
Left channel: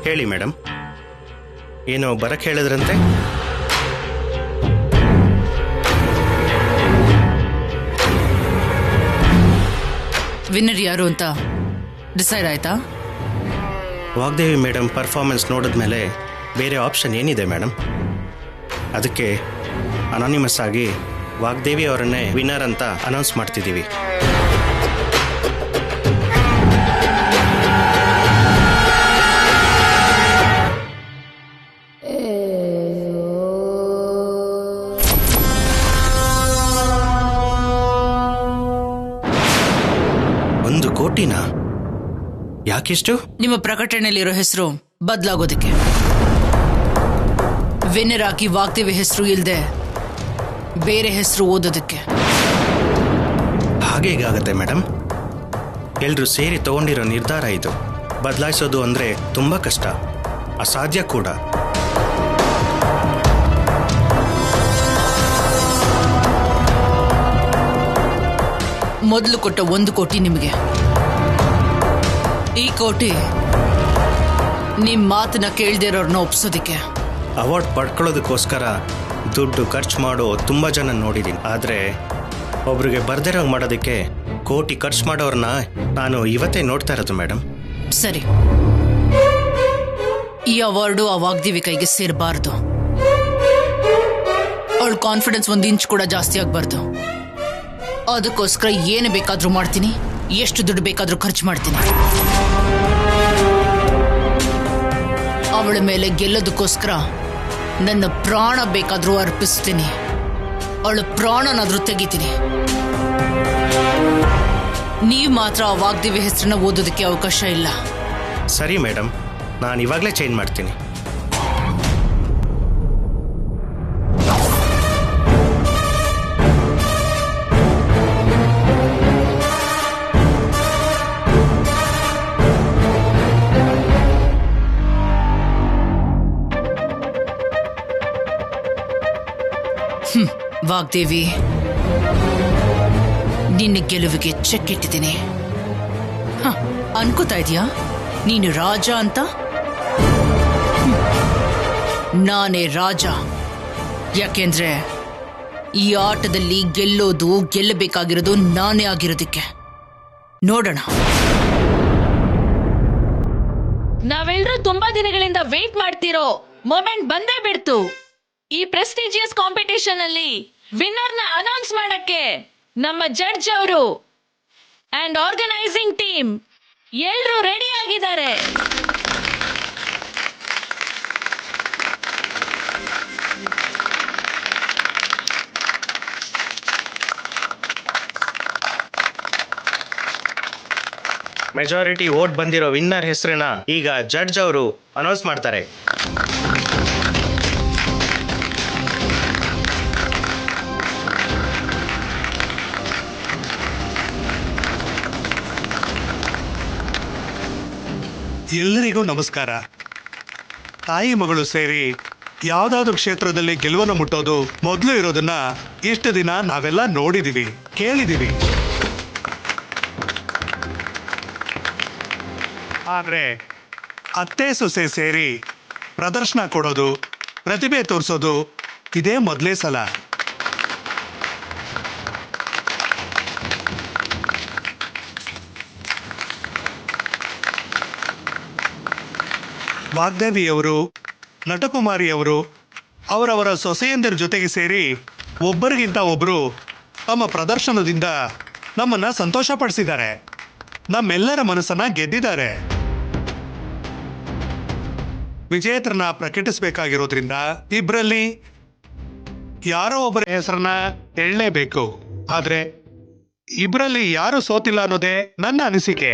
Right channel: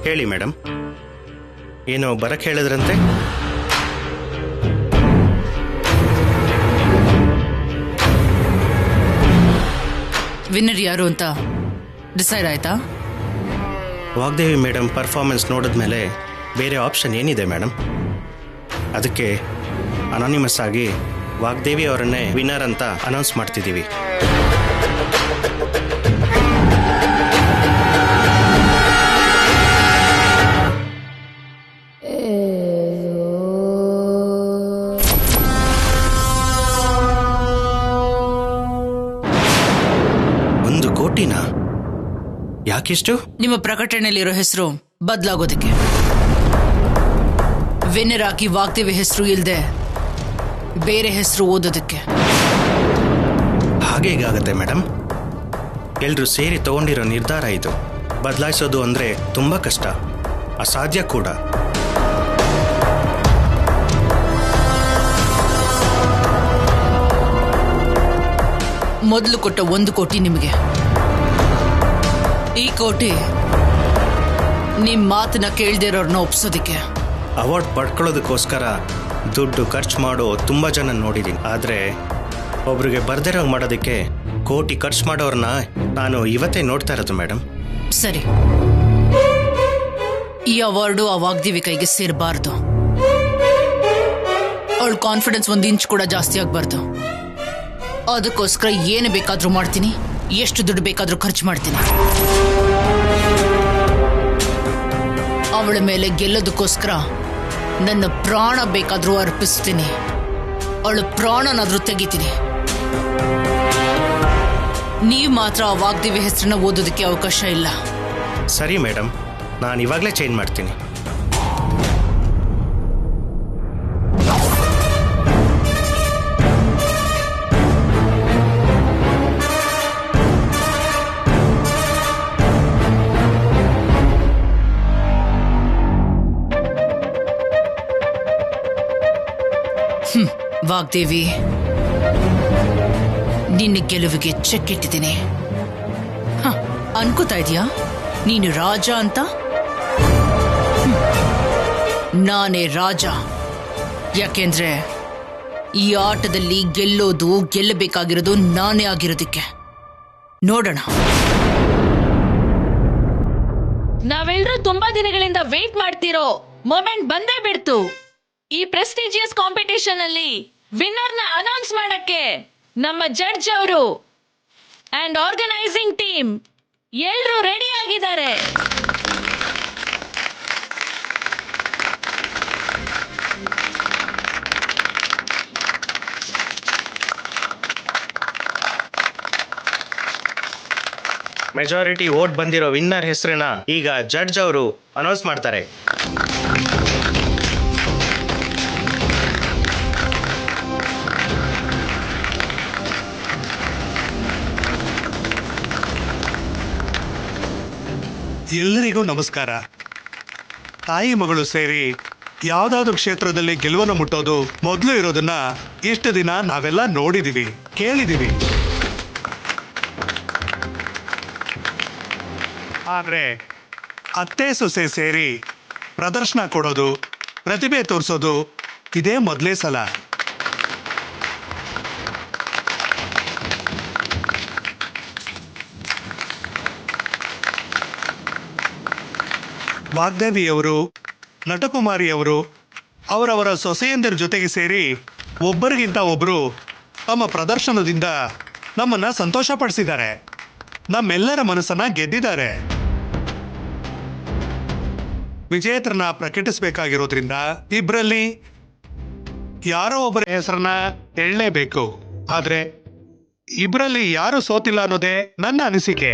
ಹೇಳಿ ಮೇಡಮ್, ಏನೋ ಬರಕ್ ಹೇಳಿದ್ರಂತೆ? ವಿನ್ನರ್ ಯಾರು ಅಂತ ಡಿಸೈಡ್ ಆಯ್ತಾ? ವಾಗ್ದೇವಿ ಮೇಡಮ್ ಪರ್ಫಾರ್ಮೆನ್ಸ್ ನೋಡಿದ್ಮೇಲೆ ಬೇರೆ ಆಪ್ಷನ್ ಏನಿದೆ ಮೇಡಮ್? ಅದಕ್ಕೆ ಅನಾನಿಮಸ್ ಆಗಿ ವಾಗ್ದೇವಿ ಅವರನ್ನೇ ವಿನ್ನರ್ ಅಂತ ಅನೌನ್ಸ್ ಮಾಡ್ತಿದ್ದೀವಿ. $1 ಕೋಟಿನಾ? ಯಾಕಿಷ್ಟು? ನಿಮ್ಮ ಪ್ರಕಟಣೆಯಲ್ಲಿರೋ ಹೆಸರು ಬದಲಾಗೋದಕ್ಕೆ. ವಿನ್ನರ್ ಆಗಿ ವಾಗ್ದೇವಿ ಹೆಸರು ಇಲ್ಲದೆ ಬೇರೆ ಹೆಸರು ಓದೋದಕ್ಕೆ. ಹಾಗೇಗಾಗತ್ತೆ ಮೇಡಮ್? ಎಲ್ರೂ ಸೇರಿ ತಗೊಂಡಿರೋ ನಿರ್ಧಾರ ಇದು. ಬದಲಾಯಿಸೋದು ಅಂದ್ರೆ ತುಂಬಾ ಕಷ್ಟ, ಅಸಾಧ್ಯ ಕೂಡ. ಮೊದಲು ಕೊಟ್ಟ 1 ಕೋಟಿ ನಿಮಗೆ. ಈ ಕೋಟಿ ನಿಮ್ ಮಾತನ್ನ ಕೇಳ್ದಿರೋರ್ನ ಒಪ್ಸೋದಿಕ್ಕೆ. ಅವಾರ್ಡ್ ಪಡ್ಕೊಳ್ಳೋದಕ್ಕೋಸ್ಕರ ದುಡ್ಡು ಖರ್ಚು ಮಾಡೋ ತುಂಬ ಜನ ನೋಡಿದ್ದೀನಿ, ಆದರೆ ಒಬ್ರಿಗೆ ಬರ್ದಿರೋ ಮಾಡೋದಕ್ಕೆ ಕೋಟಿ ಖರ್ಚು ಮಾಡೋರನ್ನ ನಾನು ಇವತ್ತೇ ನೋಡ್ತಾ ಇರೋದು ಮೇಡಮ್. ಸರಿ, ಈ ಅವಾರ್ಡು ಆ ವಾಗ್ದೇವಿ ಕೈಗೆ ಸೇರಬಾರ್ದು. ಅವಳ ಕಾನ್ಫಿಡೆನ್ಸ್ 1 ಇಂಚ್ ಕೂಡ ಜಾಸ್ತಿ ಆಗಬಾರ್ದು. ಅದಕ್ಕೋಸ್ಕರ ಏನು ಬೇಕಾದ್ರೂ ಮಾಡ್ತೀನಿ, ಎಷ್ಟು ದುಡ್ಡು ಬೇಕಾದ್ರೂ ಖರ್ಚು ಮಾಡ್ತೀನಿ. ಅವಳ ಮೇಲೆ ಗೆಲ್ಲೋದಕ್ಕೋಸ್ಕರ ನನ್ನ ಪ್ರಾಣ ಬೇಕಾದ್ರೂ ಅರ್ಪಿಸ್ತೀನಿ. ಅವಳ ಪ್ರಾಣನಾದ್ರೂ ತೆಗಿತೀನಿ. ನೀವು ಮಾತ್ರ ಆ ವಾಗ್ದೇವಿ ಹೆಸರನ್ನ ಓದೋದಕ್ಕೆ ಅವಕಾಶ ಇಲ್ಲ. ಸರಿ ಮೇಡಮ್, ನಾನು ಇವಾಗಲೇ ಚೇಂಜ್ ಮಾಡ್ತೀನಿ. ವಾಗ್ದೇವಿ, ನಿನ್ನ ಗೆಲುವಿಗೆ ಚೆಕ್ ಇಟ್ಟಿದ್ದೀನಿ. ಅನ್ಕೋತಾ ಇದೀಯಾ ನೀನು ರಾಜ ಅಂತ? ನಾನೇ ರಾಜ. ಯಾಕೆಂದ್ರೆ ಈ ಆಟದಲ್ಲಿ ಗೆಲ್ಲಬೇಕಾಗಿರೋದು ನಾನೇ ಆಗಿರೋದಕ್ಕೆ. ನೋಡೋಣ. ನಾವೆಲ್ಲರೂ ತುಂಬಾ ದಿನಗಳಿಂದ ವೇಟ್ ಮಾಡ್ತಿರೋ ಮೊಮೆಂಟ್ ಬಂದೇ ಬಿಡ್ತು. ಈ ಪ್ರೆಸ್ಟಿಜಿಯಸ್ ಕಾಂಪಿಟೇಷನ್ ಅಲ್ಲಿ ವಿನ್ನರ್ನ ಅನೌನ್ಸ್ ಮಾಡಕ್ಕೆ ನಮ್ಮ ಜಡ್ಜ್ ಅವರು ಅಂಡ್ ಆರ್ಗನೈಸಿಂಗ್ ಟೀಮ್ ಎಲ್ಲರೂ ರೆಡಿ ಆಗಿದ್ದಾರೆ. ಮೆಜಾರಿಟಿ ವೋಟ್ ಬಂದಿರೋ ವಿನ್ನರ್ ಹೆಸರನ್ನ ಈಗ ಜಡ್ಜ್ ಅವರು ಅನೌನ್ಸ್ ಮಾಡ್ತಾರೆ. ಎಲ್ಲರಿಗೂ ನಮಸ್ಕಾರ. ತಾಯಿ ಮಗಳು ಸೇರಿ ಯಾವುದಾದ್ರೂ ಕ್ಷೇತ್ರದಲ್ಲಿ ಗೆಲುವನ್ನು ಮುಟ್ಟೋದು ಮೊದಲು ಇರೋದನ್ನ ಇಷ್ಟು ದಿನ ನಾವೆಲ್ಲ ನೋಡಿದೀವಿ, ಕೇಳಿದೀವಿ. ಆದರೆ ಅತ್ತೆ ಸೊಸೆ ಸೇರಿ ಪ್ರದರ್ಶನ ಕೊಡೋದು, ಪ್ರತಿಭೆ ತೋರಿಸೋದು ಇದೇ ಮೊದಲೇ ಸಲ. ವಾಗ್ದೇವಿಯವರು, ನಟಕುಮಾರಿಯವರು ಅವರವರ ಸೊಸೆಯಂದಿರ ಜೊತೆಗೆ ಸೇರಿ ಒಬ್ಬರಿಗಿಂತ ಒಬ್ಬರು ತಮ್ಮ ಪ್ರದರ್ಶನದಿಂದ ನಮ್ಮನ್ನು ಸಂತೋಷಪಡಿಸಿದ್ದಾರೆ, ನಮ್ಮೆಲ್ಲರ ಮನಸ್ಸನ್ನ ಗೆದ್ದಿದ್ದಾರೆ. ವಿಜೇತರನ್ನ ಪ್ರಕಟಿಸಬೇಕಾಗಿರೋದ್ರಿಂದ ಇಬ್ಬರಲ್ಲಿ ಯಾರೋ ಒಬ್ಬರ ಹೆಸರನ್ನ ಹೇಳಲೇಬೇಕು. ಆದರೆ ಇಬ್ಬರಲ್ಲಿ ಯಾರು ಸೋತಿಲ್ಲ ಅನ್ನೋದೇ ನನ್ನ ಅನಿಸಿಕೆ.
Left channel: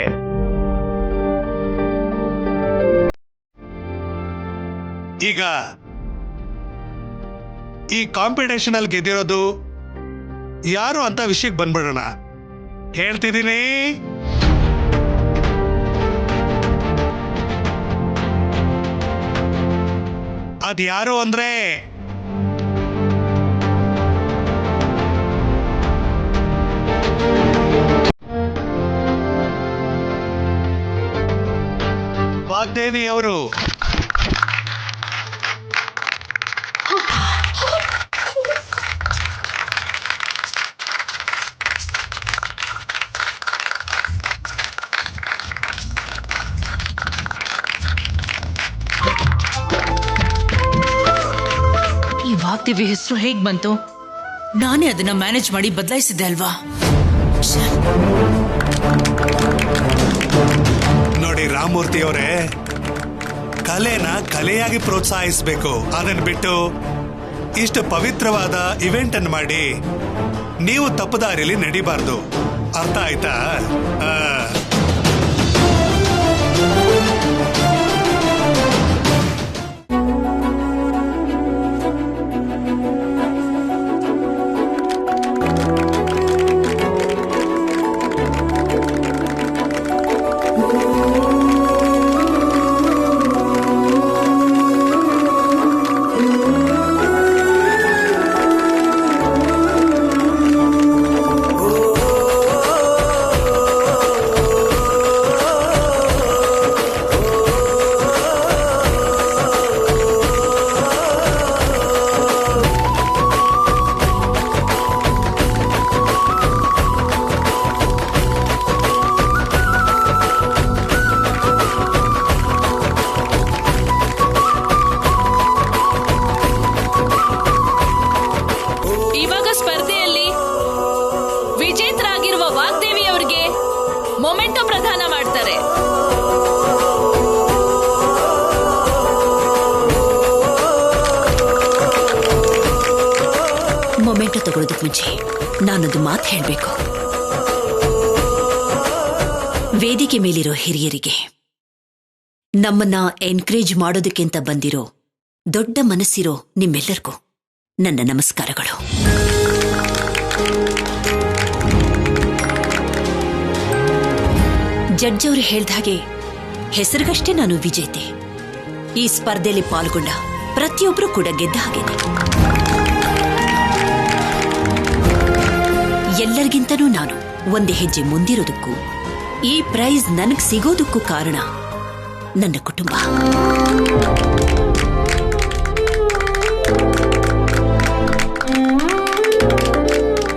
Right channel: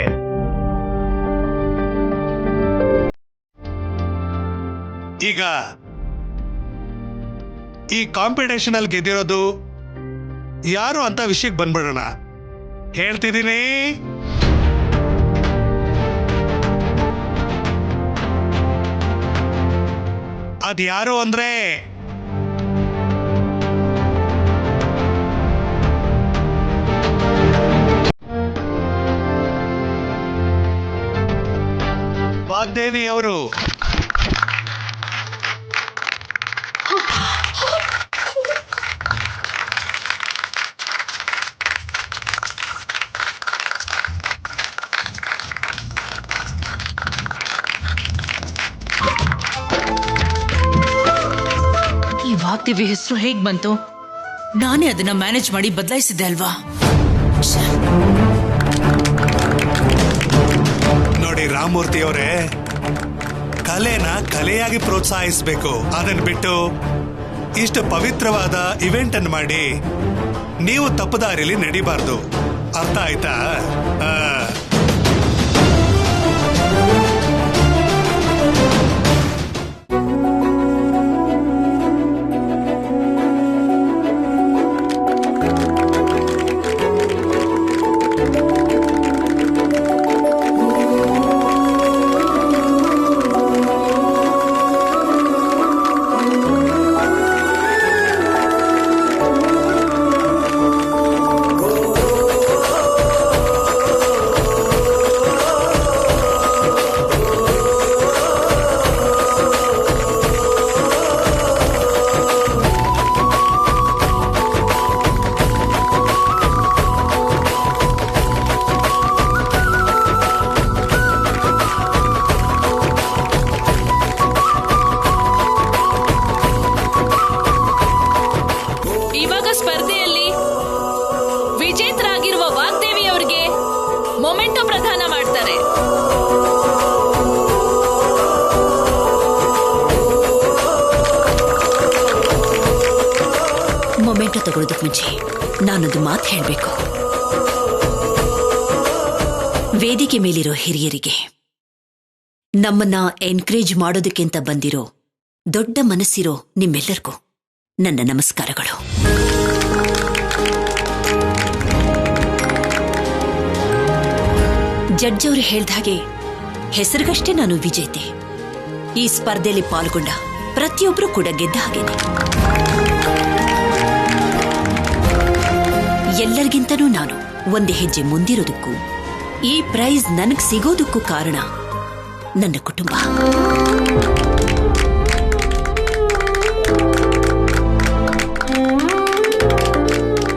ಈಗ ಈ ಕಾಂಪಿಟೇಷನ್ ಅಲ್ಲಿ ಗೆದ್ದಿರೋದು ಯಾರು ಅಂತ ವಿಷಯಕ್ಕೆ ಬಂದ್ಬಿಡೋಣ. ಹೇಳ್ತಿದ್ದೀನಿ, ಅದ್ಯಾರು ಅಂದ್ರೆ ವಾಗ್ದೇವಿ ಅವರು. ಈ ವಾಗ್ದೇವಿ ಹೆಸರು ಹೇಗ್ ಬಂತು? ನಾನೇ ಅದನ್ನ ಮ್ಯಾನೇಜ್ ಮಾಡಿ ಬದಲಾಯಿಸಿದ್ದೆ ಅಲ್ವಾ? ನೋಡಿ ರಾಮಮೂರ್ತಿ ಅವರೇ, ಕಲೆನ ಕಲೆಯಾಗಿ ಪ್ರೋತ್ಸಾಹಿಸಬೇಕು. ಅದನ್ನ ಬಿಟ್ಟು ಇಷ್ಟು ಪವಿತ್ರವಾದ ಇವೆಂಟ್ ಅನ್ನು ಮಾಡಿ ನೀವು ತಪ್ಪುದಾರಿಲಿ ನಡಿಬಾರ್ದು. ಅರ್ಥ ಆಯ್ತಾ? ಸಮಾಧಾನ ಮಾಡ್ತಾರೆ. ಮೊಮೆಂಟೋ ತಗೊಳ್ಳೋದಕ್ಕೆ ಮುಂಚೆ ನಾನೊಂದು ಮಾತು ಹೇಳಬೇಕು. ವೇದಿಕೆ ಮೇಲಿರೋ ಹಿರಿಯರಿಗೆ, ನಮ್ಮನ್ನ ಎನ್ಕರೇಜ್ ಮಾಡೋದಕ್ಕೆ ಅಂತ ಬಂದಿರೋ ದೊಡ್ಡ ಮನಸ್ಸಿರೋ ನಿಮ್ಮೆಲ್ಲರಿಗೂ ನನ್ನ ನಮಸ್ಕಾರಗಳು. ಜಡ್ಜ್ ಅವರು ಹೇಳ್ದ ಹಾಗೆ ಹೆಸರಿಗಷ್ಟೇ ನಾನು ವಿಜೇತೆ. ಈ ಸ್ಪರ್ಧೆಯಲ್ಲಿ ಪಾಲ್ಗೊಂಡ ಪ್ರತಿಯೊಬ್ಬರು ಕೂಡ ಗೆದ್ದ ಹಾಗೇನೆ. ಎಲ್ಲರಿಗಿಂತನೂ ನಾನು ಒಂದೇ ಹೆಜ್ಜೆ ಮುಂದಿರೋದಕ್ಕೂ ಈ ಪ್ರೈಸ್ ನನಗ್ ಸಿಗೋದಕ್ಕೂ ಕಾರಣ ನನ್ನ ಕುಟುಂಬ.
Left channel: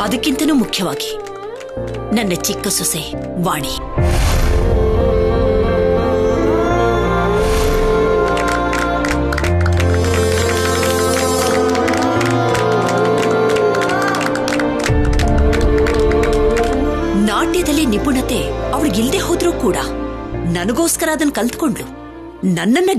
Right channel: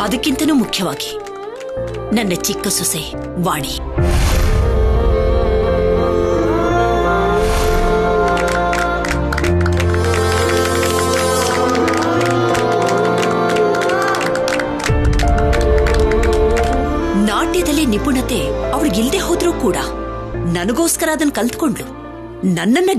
ಅದಕ್ಕಿಂತನೂ ಮುಖ್ಯವಾಗಿ ನನ್ನ ಚಿಕ್ಕ ಸೊಸೆ ವಾಣಿ. ನಾಟ್ಯದಲ್ಲಿ ನಿಪುಣತೆ ಅವಳಿಗಿಲ್ದೆ ಹೋದ್ರೂ ಕೂಡ ನನಗೋಸ್ಕರ ಅದನ್ನ ಕಲ್ತ್ಕೊಂಡ್ಲು. ನನ್ನನ್ನ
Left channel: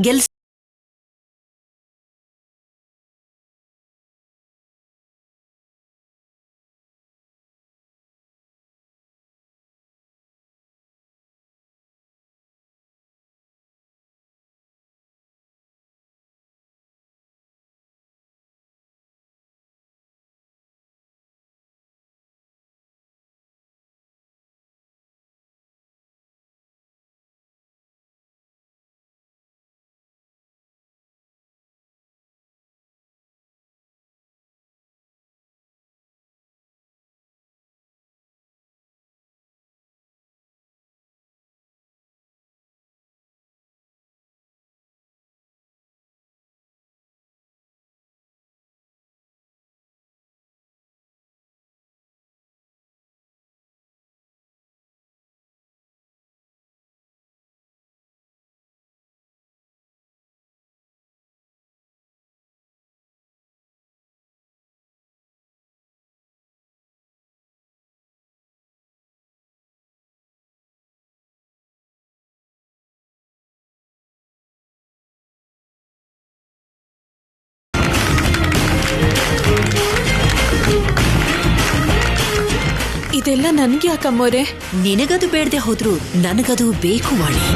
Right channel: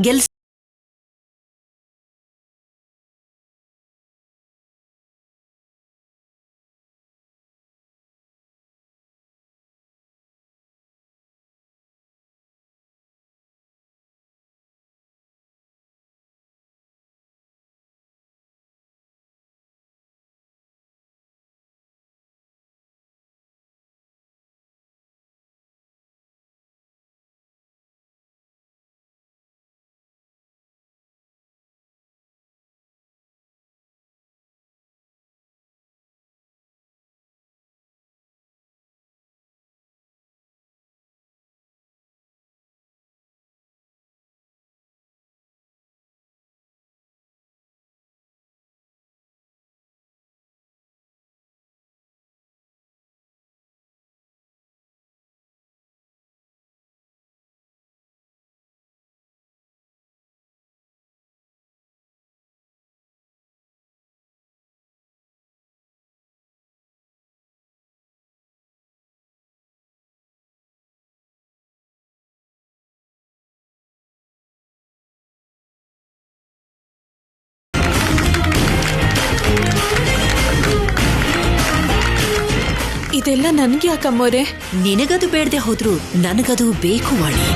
ಇದೆಲ್ಲ ನನ್ಗೆ ಯಾಕಮ್ಮೋರೆ? ನಿನಗದು ಬೇಡದೆ ಹೋದ್ರು ನನಗದು ಬೇಕು ವಾಣಿ.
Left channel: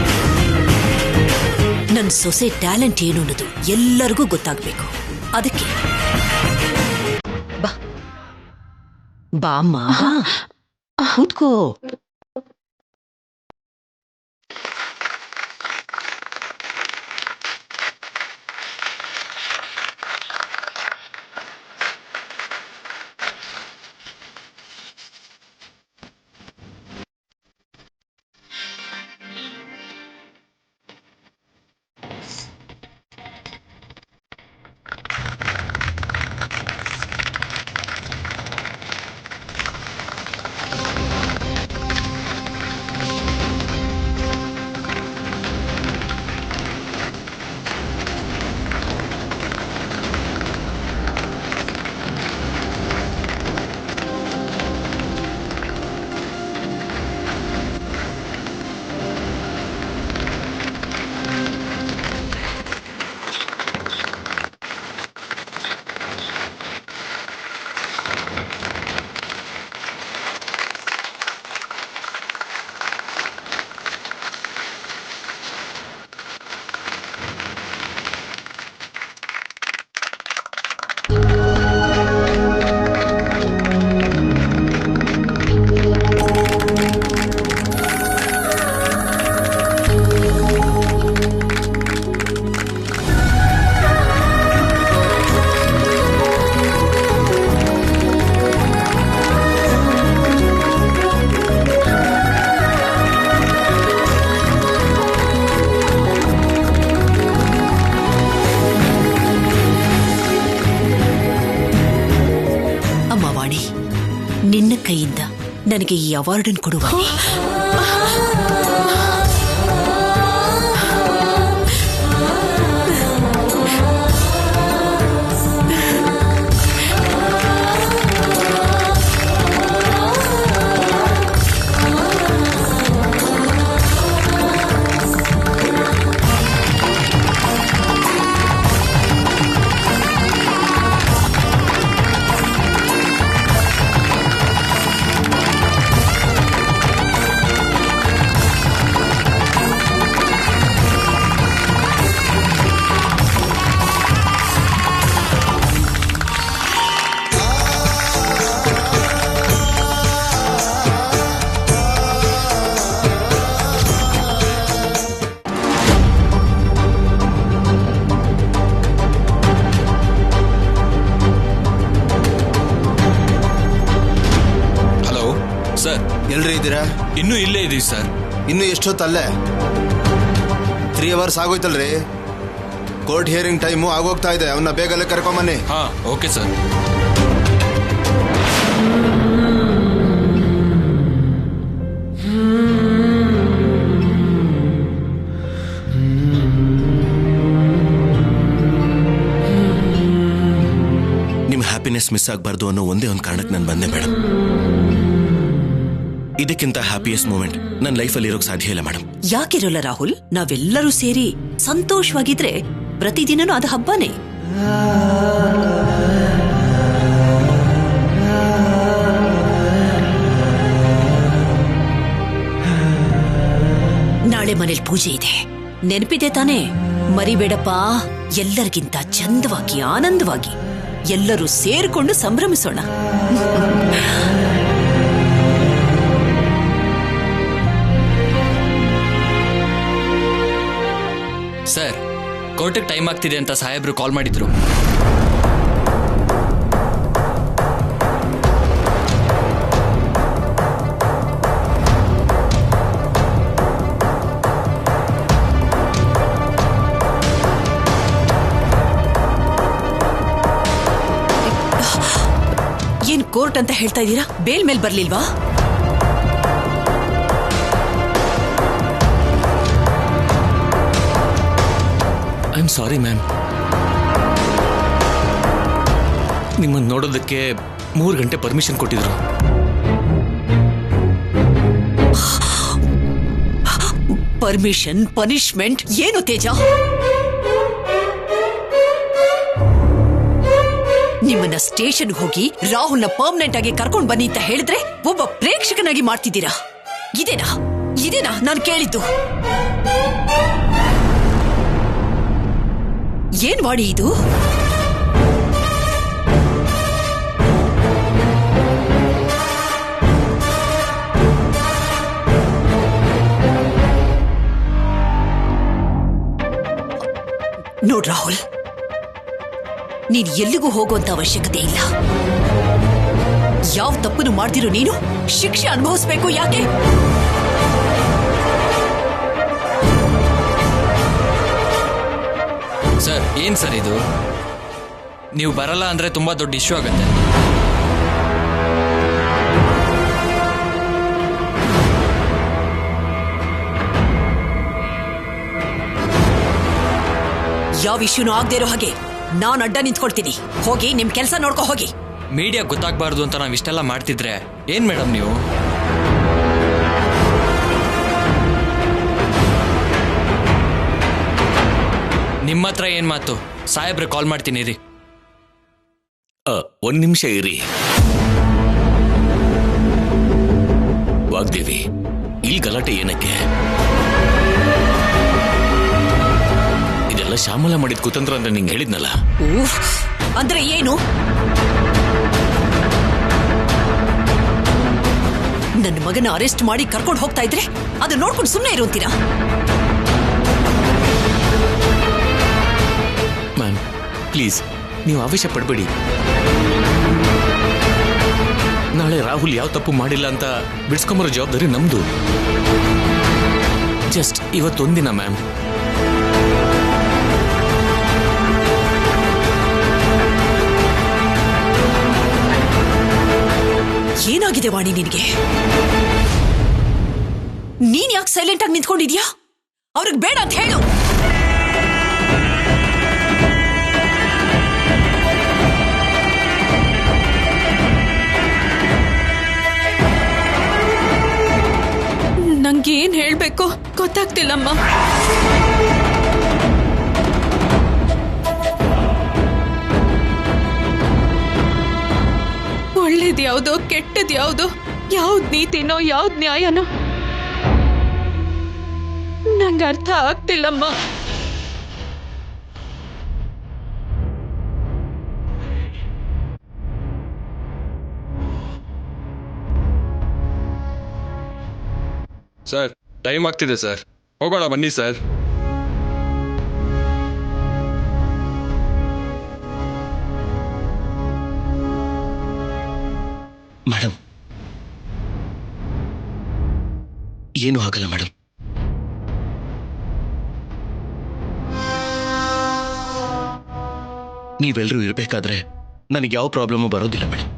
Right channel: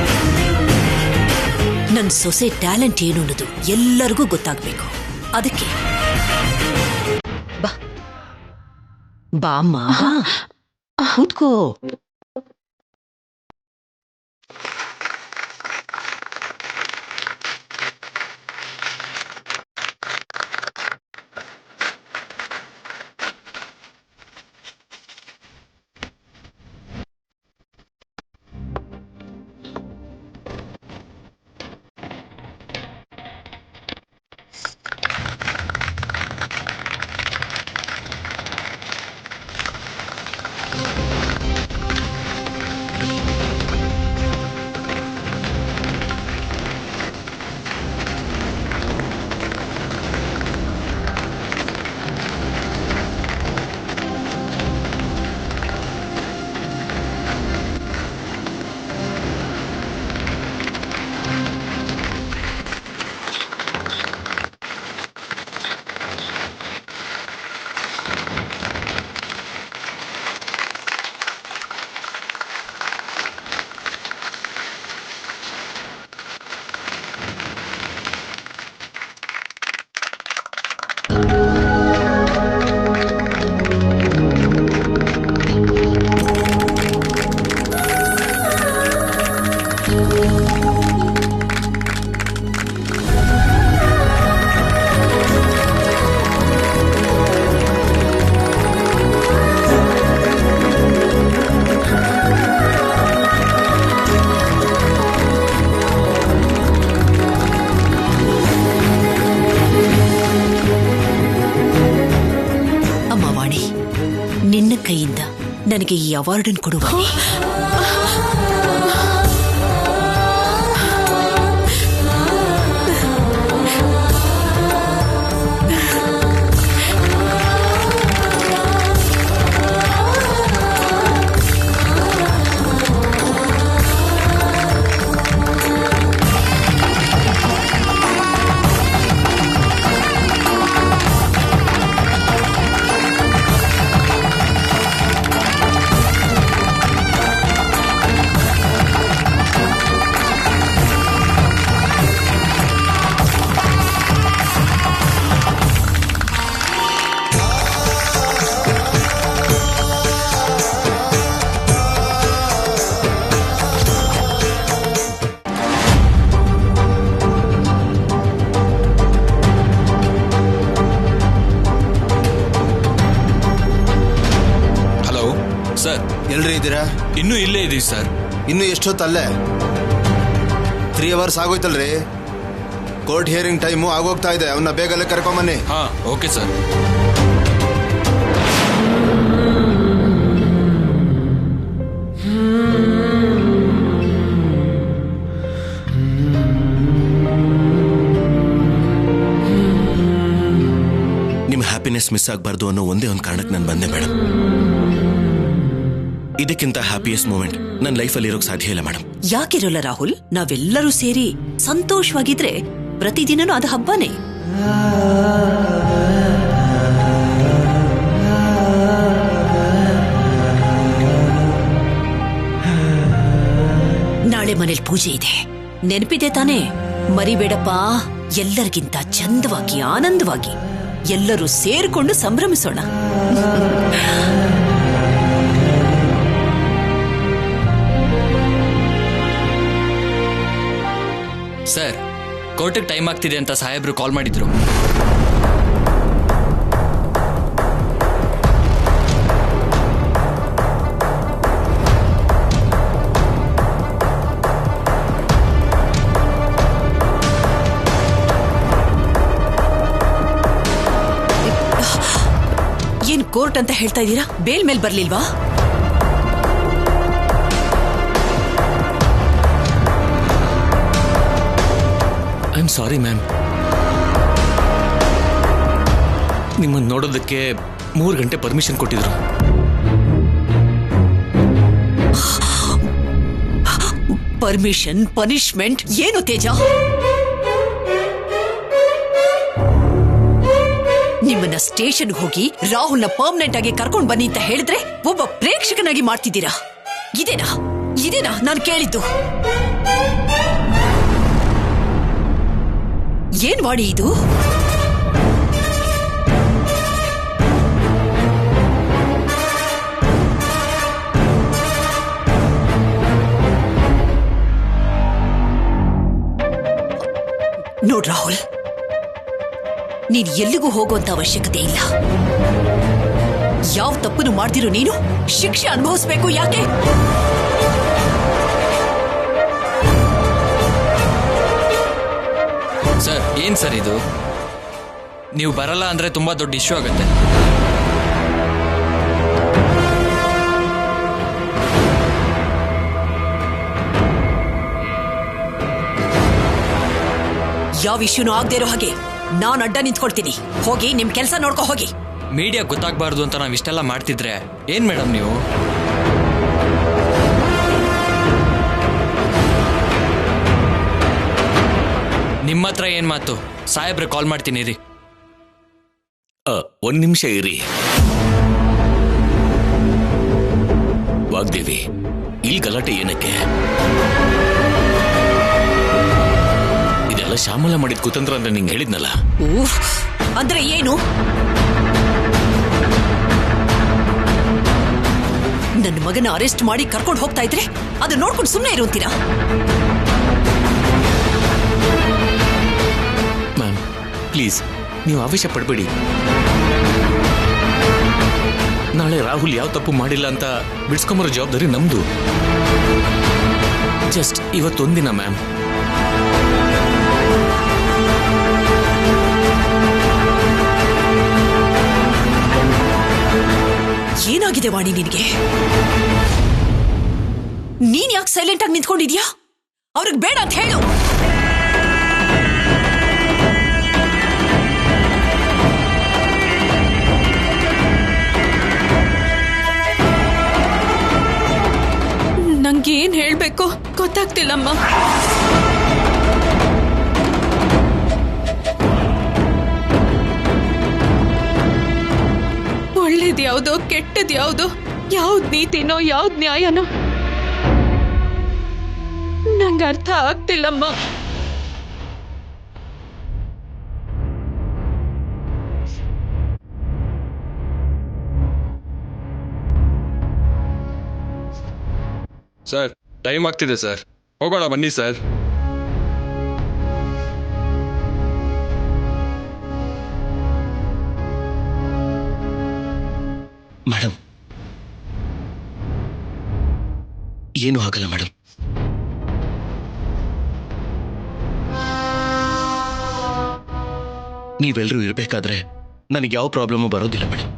ನನ್ ಸೊಸೆ ಟ್ಯಾಲೆಂಟ್ ಏನು ಅನ್ನೋದು ಎಲ್ಲರಿಗೂ ಗೊತ್ತಾಗ್ಬೇಕು. ಅದಕ್ಕೆ ಬಾ ಬಾಮ್ಮ, ಕೂತ್ಕೋ. ನಿನ್ನ ಕೈಯಿಂದ ನನಗೆ ಈ ಅವಾರ್ಡನ್ನು ಕೊಡುವ. ಎಲ್ರಿ ಇದ್ದೀರಾ? ಇನ್ನೂ ಇಲ್ಲೇ ಇದೀವಿ ಸರ್. ಇನ್ನು ಎಷ್ಟೊತ್ತಲ್ಲೇ? 3 hours ಆಗೋಯ್ತಲ್ರಿ. ಕೋರ್ಟ್ ಹಿಯರಿಂಗ್ ಟೈಮು ಆಗೋಗ್ತಾ ಇದೆ. ಅವನ್ನ ಬೇಗಲೇ ಕರ್ಕೊಂಬನ್ನಿ. ಹಾ, ಓಕೆ ಸರ್. ನಿಮ್ಮ ಹ್ಯಾಪಿನೆಸ್ ಮಿಸ್ ಆಗಬಾರ್ದು ಅನ್ನೋ ಒಂದೇ ಒಂದು ಕಾರಣಕ್ಕೆ ನಾನು ಬಂದೆ ಮೇಡಮ್. ಇದಕ್ಕಿಂತ ಹ್ಯಾಪಿಯೆಸ್ಟ್ ಮೂಮೆಂಟ್ ನನ್ನ ಲೈಫಲ್ಲಿ ಇರೋಕ್ ಸಾಧ್ಯ ಇಲ್ಲ ಮೇಡಮ್. ಯಾಕಿರೋಲ್ಲ ರಾಹುಲ್? ನಾವೆಲ್ಲರೂ ಸೇರಿ ಸಂತೋಷವಾಗಿದ್ರೆ ಪ್ರತಿದಿನನೂ ಅದು ಹಬ್ಬನೇ. ನಾಳೆ ಮನೇಲಿ ಪೂಜೆ ಇದೆ, ನೆನಪಿದೆ ತಾನೇ? ಮರಿಬೇಡಪ್ಪ. ಎಲ್ಲರಿಗಿಂತ ಚಂದವಾಗಿ ಆನಂದವಾಗಿ ಎಲ್ಲರೂ ಸೇರ್ಕೊಂಡು ಸಂಭ್ರಮಿಸೋಣ. ಸರ್, ಕೋರ್ಟಿಗೆ ಟೈಮ್ ಆಗ್ತಿದೆ ಅಂತ ಸಾಹೇಬ್ರು ಕಾಲ್ ಮಾಡಿದ್ರು. ಏನ್ ಕೋರ್ಟ್ ಅಂತ ಹೇಳ್ತಾ ಇದ್ದೀರಾ? ಬೇಲ್ ಮೇಲ್ ಬರ್ಲಿಲ್ವಾ? I am sorry ma'am. ನಿಮ್ಮನ್ನು ನೋಡೋದಕ್ಕೆ 3 ಗಂಟೆ ಪರ್ಮಿಷನ್ ಕೊಟ್ಟಿದ್ರು. ಪರ್ಮಿಷನ್, ಪನಿಷ್ಮೆಂಟ್ ಏನು ತೇಜ? ನಿಮ್ಮನ್ನ ಸ್ಟೇಷನ್ಗೆ ಹೋಗಿ ರಾಹುಲ್ನ ಪರ್ಮನೆಂಟ್ ಆಗಿ ಕರ್ಕೊಂಡು ಬನ್ನಿ ಅಂತ ಹೇಳಿದ್ರೆ ಒಬ್ಬ ಪ್ರೇಕ್ಷಕನಾಗಿ ಮಾಡ್ತಿದ್ದೀರಾ? ಇದೇನಾ ನಾನು ಕೇಳಿದ್ದು? ಏನ್ ವಾಡಿ ಇದು? ನೋಡ್ ರಾಹುಲ್, ನೀನ್ ಎಲ್ಲಿಗೂ ಹೋಗುವಂತ ಅವಶ್ಯಕತೆ ಇಲ್ಲ. ಯಾವ ತಪ್ಪನ್ನು ಮಾಡ್ದಿರೋ ನೀನು ಶಿಕ್ಷೆ ಅನುಭವಿಸ್ಬೇಕು. ಯಾಕೆ? ಸರ್, ಏನ್ ಸರ್ ಇದು? ನೀವು ಬರಲ್ಲ ಅಂದ್ರೆ ತುಂಬಾ ದೊಡ್ಡ ಇಶ್ಯೂ ಆಗುತ್ತೆ. ಯಾವ ಇಶ್ಯೂನೂ ಆಗದೆ ಇರೋ ಹಾಗೆ ನಾನ್ ಅಡ್ಡ ನಿಂತ್ಕೊಳ್ತೀನಿ. ಹೋಗಿ ನಿಮ್ ಕೆಲಸ ನೋಡ್ಕೊ ಹೋಗಿ. ಮೀಡಿಯಾ ಗೊತ್ತಾಗಬಾರ್ದು ಅಂತ ನಾವ್ ಇಷ್ಟೆಲ್ಲ ಮಾಡ್ತಿದ್ರೆ ಏನ್ ಮೇಡಮ್ ನೀವು? ನಿಮ್ಮ ಹತ್ರ ಏನ್ ಮಾತು? ಸಾಹೇಬ್ರೆ ಕಾಲ್ ಮಾಡ್ತೀನಿ ರೀ. 1 ನಿಮಿಷ ಇರಿ. ವಾಗ್ದೇವಿ, ಇಲ್ಲಿ ಗಲಾಟೆ ಏನಕ್ಕೆ? ಇದೆಲ್ಲ ಶ್ಯಾಮಲ ಮಾಡಿದ ಕುತಂತ್ರ ಅಂದ್ರೆ ನಿಂಗೆ ಹೇಳಿದ್ನಲ್ಲ. ಅಂದ್ರೆ ಏನು? ನನ್ನ ಮಗನ ಅರೆಸ್ಟ್ ಮಾಡಿ ಕರ್ಕೊಂಡು ಹೋಗ್ತಾ ಇದ್ರೆ ಅದು ನೋಡ್ಕೊಂಡು ಸುಮ್ಮನೆ ಇರುವಂತೀರಾ? ಮ್ಯಾಮ್ ಪ್ಲೀಸ್, ನೀವು ಆವೇಶ ಪಡಬೇಡಿ. ನಾಳೆ ರಾಹುಲ್ ಯಾವ ತಪ್ಪು ಮಾಡಿಲ್ಲ ಅಂತ ಬಿಡ್ಸ್ಕೊಂಬರೋ ಜವಾಬ್ದಾರಿ ನಮ್ದು. ಜಸ್ಟ್ ಇವತ್ತೊಂದಿನ ಮ್ಯಾಮ್. ಏನಾಗಿದೆ ವಾಣಿ ನಿನಗೆ? ನೀನ್ ಯಾಕೆ ಸೈಲೆಂಟ್ ಆಗಿ ನಿಂತ್ಕೊಂಡಿದ್ಯಾ? ಅವ್ರಿಗೆ ಬೇಡ ಅಂತ ಹೇಳು. ನಂಗೆ ಏನ್ ಹೇಳ್ಬೇಕು ಗೊತ್ತಾಗ್ತಿಲ್ಲಮ್ಮ. ಒಳ್ಳೇದ್ ಯಾವ್ದೋ ಕೆಟ್ಟದ್ ಯಾವ್ದೋ, ಯಾವ್ದ್ ನೀತಿನೋ ಯಾವ್ದ್ ನ್ಯಾಯನೋ ನಂಗೆ ಅರ್ಥ ಆಗ್ತಿಲ್ಲಮ್ಮ. ಸರ್, ಟೈಮ್ ಆಗ್ತಿದೆ ಸರ್, ಹೋಗೋಣ ಬನ್ನಿ ಸರ್. ಮೇಡಮ್, ಏನೂ ಆಗಲ್ಲ ಮೇಡಮ್. ನೀವೆಲ್ಲರೂ ಇರಬೇಕಾದ್ರೆ ನನಗೆ ಯಾವ ಪ್ರಾಬ್ಲಮ್ಮು ಬರೋದಿಲ್ಲ ಮೇಡಮ್.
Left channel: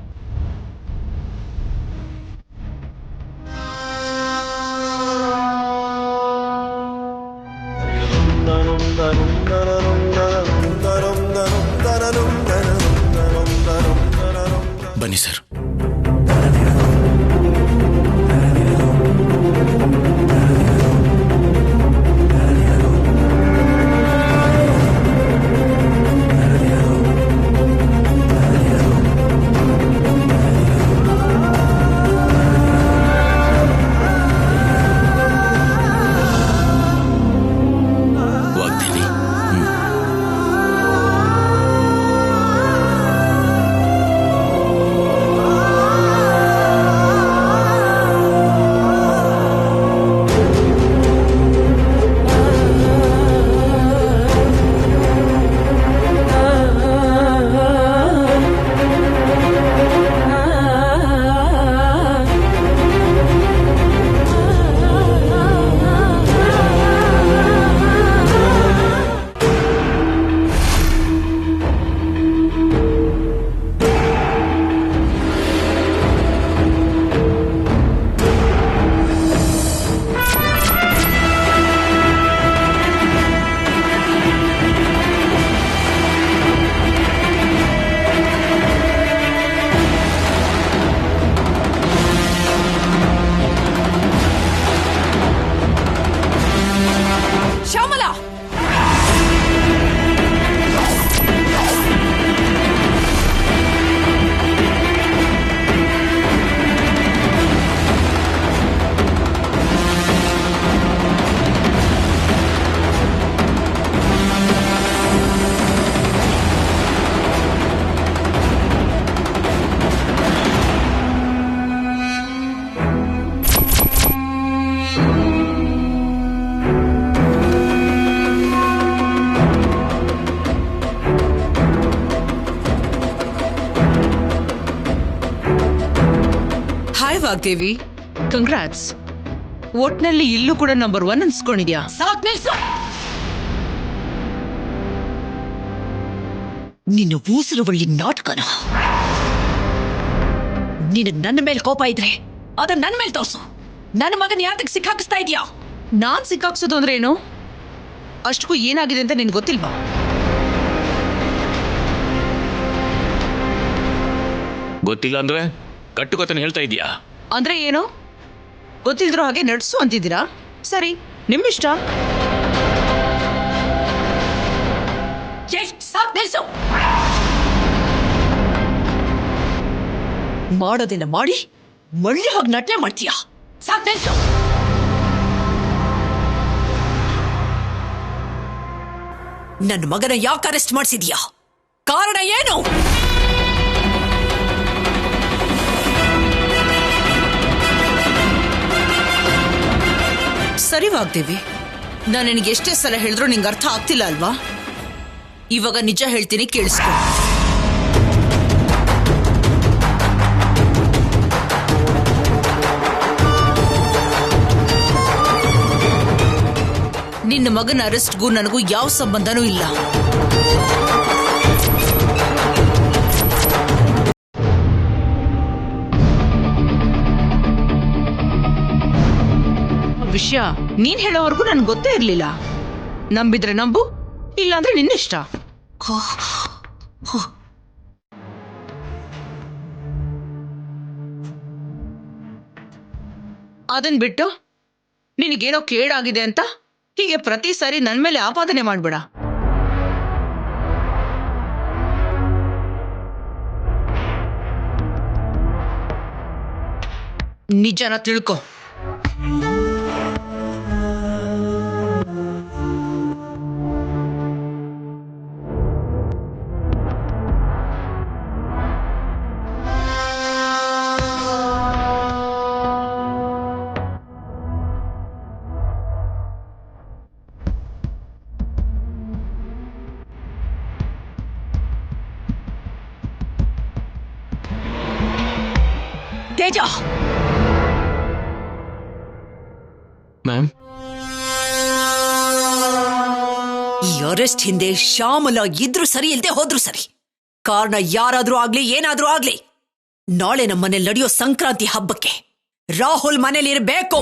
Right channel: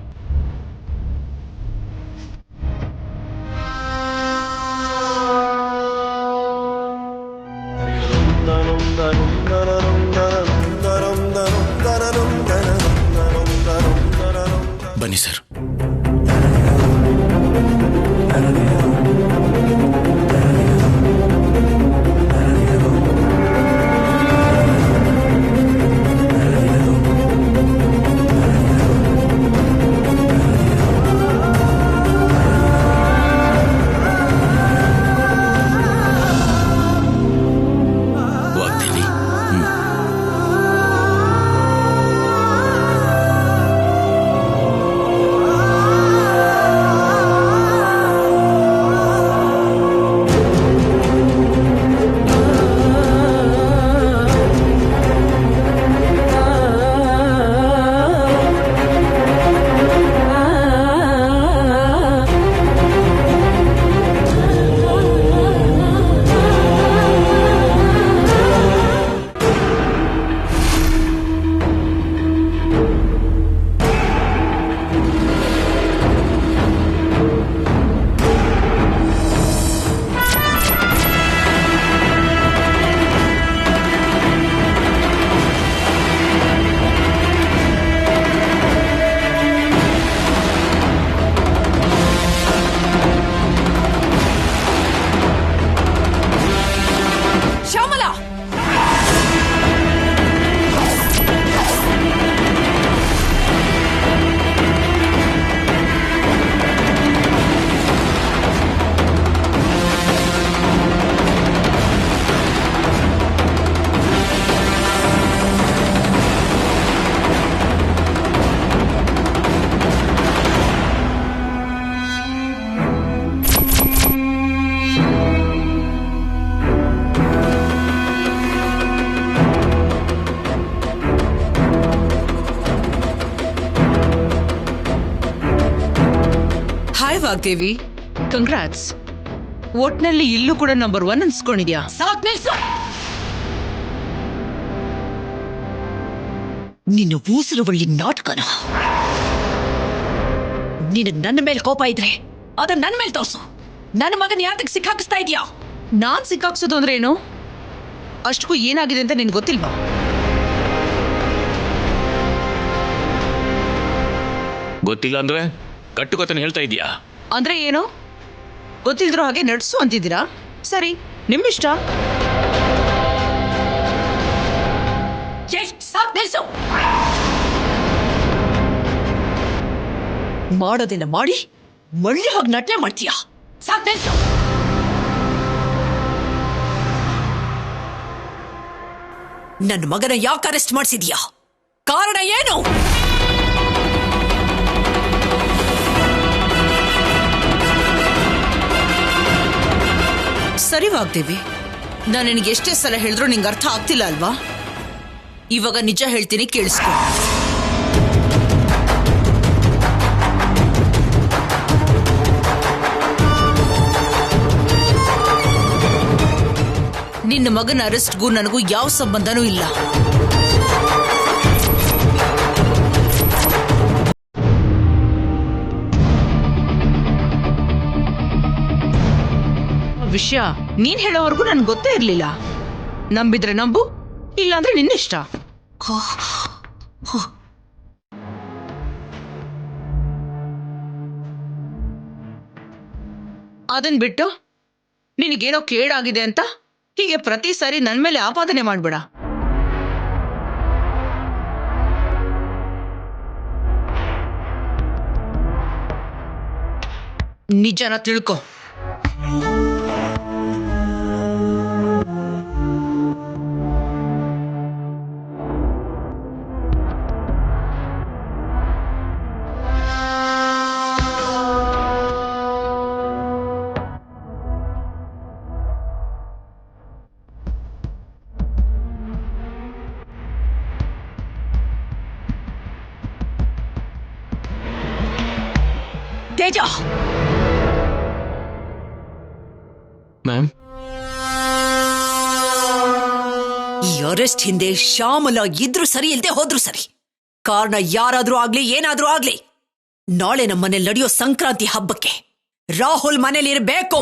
ಬನ್ನಿ sir. Vagdevi, Shyamala, hi Vagdevi, congrats. ಒಟ್ನಲ್ಲಿ ಇಲ್ಲೂ ಕೂಡ ನಂಬರ್ 1 ಅನ್ಸ್ಕೊಂಡಿದ್ಯಾ? ಸಾಕ್ ನಿಲ್ಸು. ನಿನ್ನ ಊಸರುವಳ್ಳಿ ನಾಟಕನ. ನಿನಗೆ ನನ್ನ ಮೇಲೆ ಕೋಪ ಇದ್ರೆ ಅದನ್ನ ನನ್ನ ಮೇಲೆ ತೋರ್ಸು. ನನ್ನ ಮಗನ ಯಾತಕ್ಕೆ ಸಿಕ್ಕಾಕಿಸ್ತಾ ಇದೀಯಾ? ನಾನ್ ಸಿಕ್ಕಾಕ್ಸೋದು ಅಂದ್ರೆ ಏನು? ಅಷ್ಟಕ್ಕೂ ಏನಾಗಿದೆ ಅಂತ ನಿನ್ಗೆ ಗೊತ್ತಿಲ್ವಾ? ಗೊತ್ತಿಲ್ಲ ಅಂದ್ರೆ ಕಟ್ಟುಕೊತನ ಹೇಳ್ತಾ ಇದೀಯಾ? ಅಂದ್ರೆ ಏನು? ಗೊತ್ತಿಲ್ದ್ರೋ ಹಾಗೆ ನಡ್ಸು ಅಂತಿದ್ದೀರಾ? ಸರಿ, ನಿಮ್ಮಿಷ್ಟ. ಸಾಕ್ ನಿಲ್ಸು. ಮಾಡೋದೆಲ್ಲ ಮಾಡಿ ಮಳ್ಳಿ ಹೋಗಿ ನಟನೆ ಮಾಡ್ತೀಯಾ? ಸಾಕ್ ನಿಲ್ಸು. ನನ್ನ ಮಗನ ಯಾಕೆ ಅರೆಸ್ಟ್ ಮಾಡಿಸಿದ್ಯಾ? ಕಾರಣ ಏನು? ಸರಿ ವಾಗ್ದೇವಿ, ನಾನು ನಿನಗೆ ಎಷ್ಟೇ ಸಲ ಹೇಳಿದ್ರು ನಿಂಗೆ ಅರ್ಥ ಆಗ್ತಿಲ್ಲ ಅಲ್ವಾ? ಇವಾಗ ನಿಜ ಹೇಳ್ತೀನಿ, ಕೇಳಿಸ್ಕೊ. ನಿನ್ನ ಮಗನ ಅರೆಸ್ಟ್ಗೂ ನನಗೂ ಯಾವ ಸಂಬಂಧನೂ ಇಲ್ಲ. ವಿಷಯ ನೀನ್ ಹೇಳೋವರೆಗೂ ನನ್ಗೆ ಗೊತ್ತೇ ಇರ್ಲಿಲ್ಲ. ನಂಬಿದ್ರೆ ನಂಬು, ಇಲ್ಲಾಂದ್ರೆ ನಿನ್ನಿಷ್ಟ. ಅದನ್ ಬಿಟ್ಟು ನಿನಗೇನೋ ಕೇಡಾಗಿದೆ ಅಂತ ಹೀಗೆ ಪ್ರತಿ ಸಾರಿ ನನ್ ಮೇಲೆ ಆಪಾದನೆ ಮಾಡ್ಬೇಡ. ನಿಜನ ತಿಳ್ಕೊ. ತೇಜ, ಮ್ಯಾಮ್, ಈ ಅರೆಸ್ಟ್ ಹಿಂದೆ ಶ್ಯಾಮಲ ಇದ್ರು ಸರಿ ಇಲ್ದೆ ಹೋದ್ರು ಸರಿ, ಕಾರಣ ಯಾರಾದ್ರೂ ಆಗ್ಲಿ ಏನಾದ್ರೂ ಆಗ್ಲಿ, ನಾಳೆ ನಮ್ಮನೆ ನಡೆಯೋ ಸಂಕ್ರಾಂತಿ ಹಬ್ಬಕ್ಕೆ ರಾಹುಲ್ ಮನೇಲಿರ್ಬೇಕು.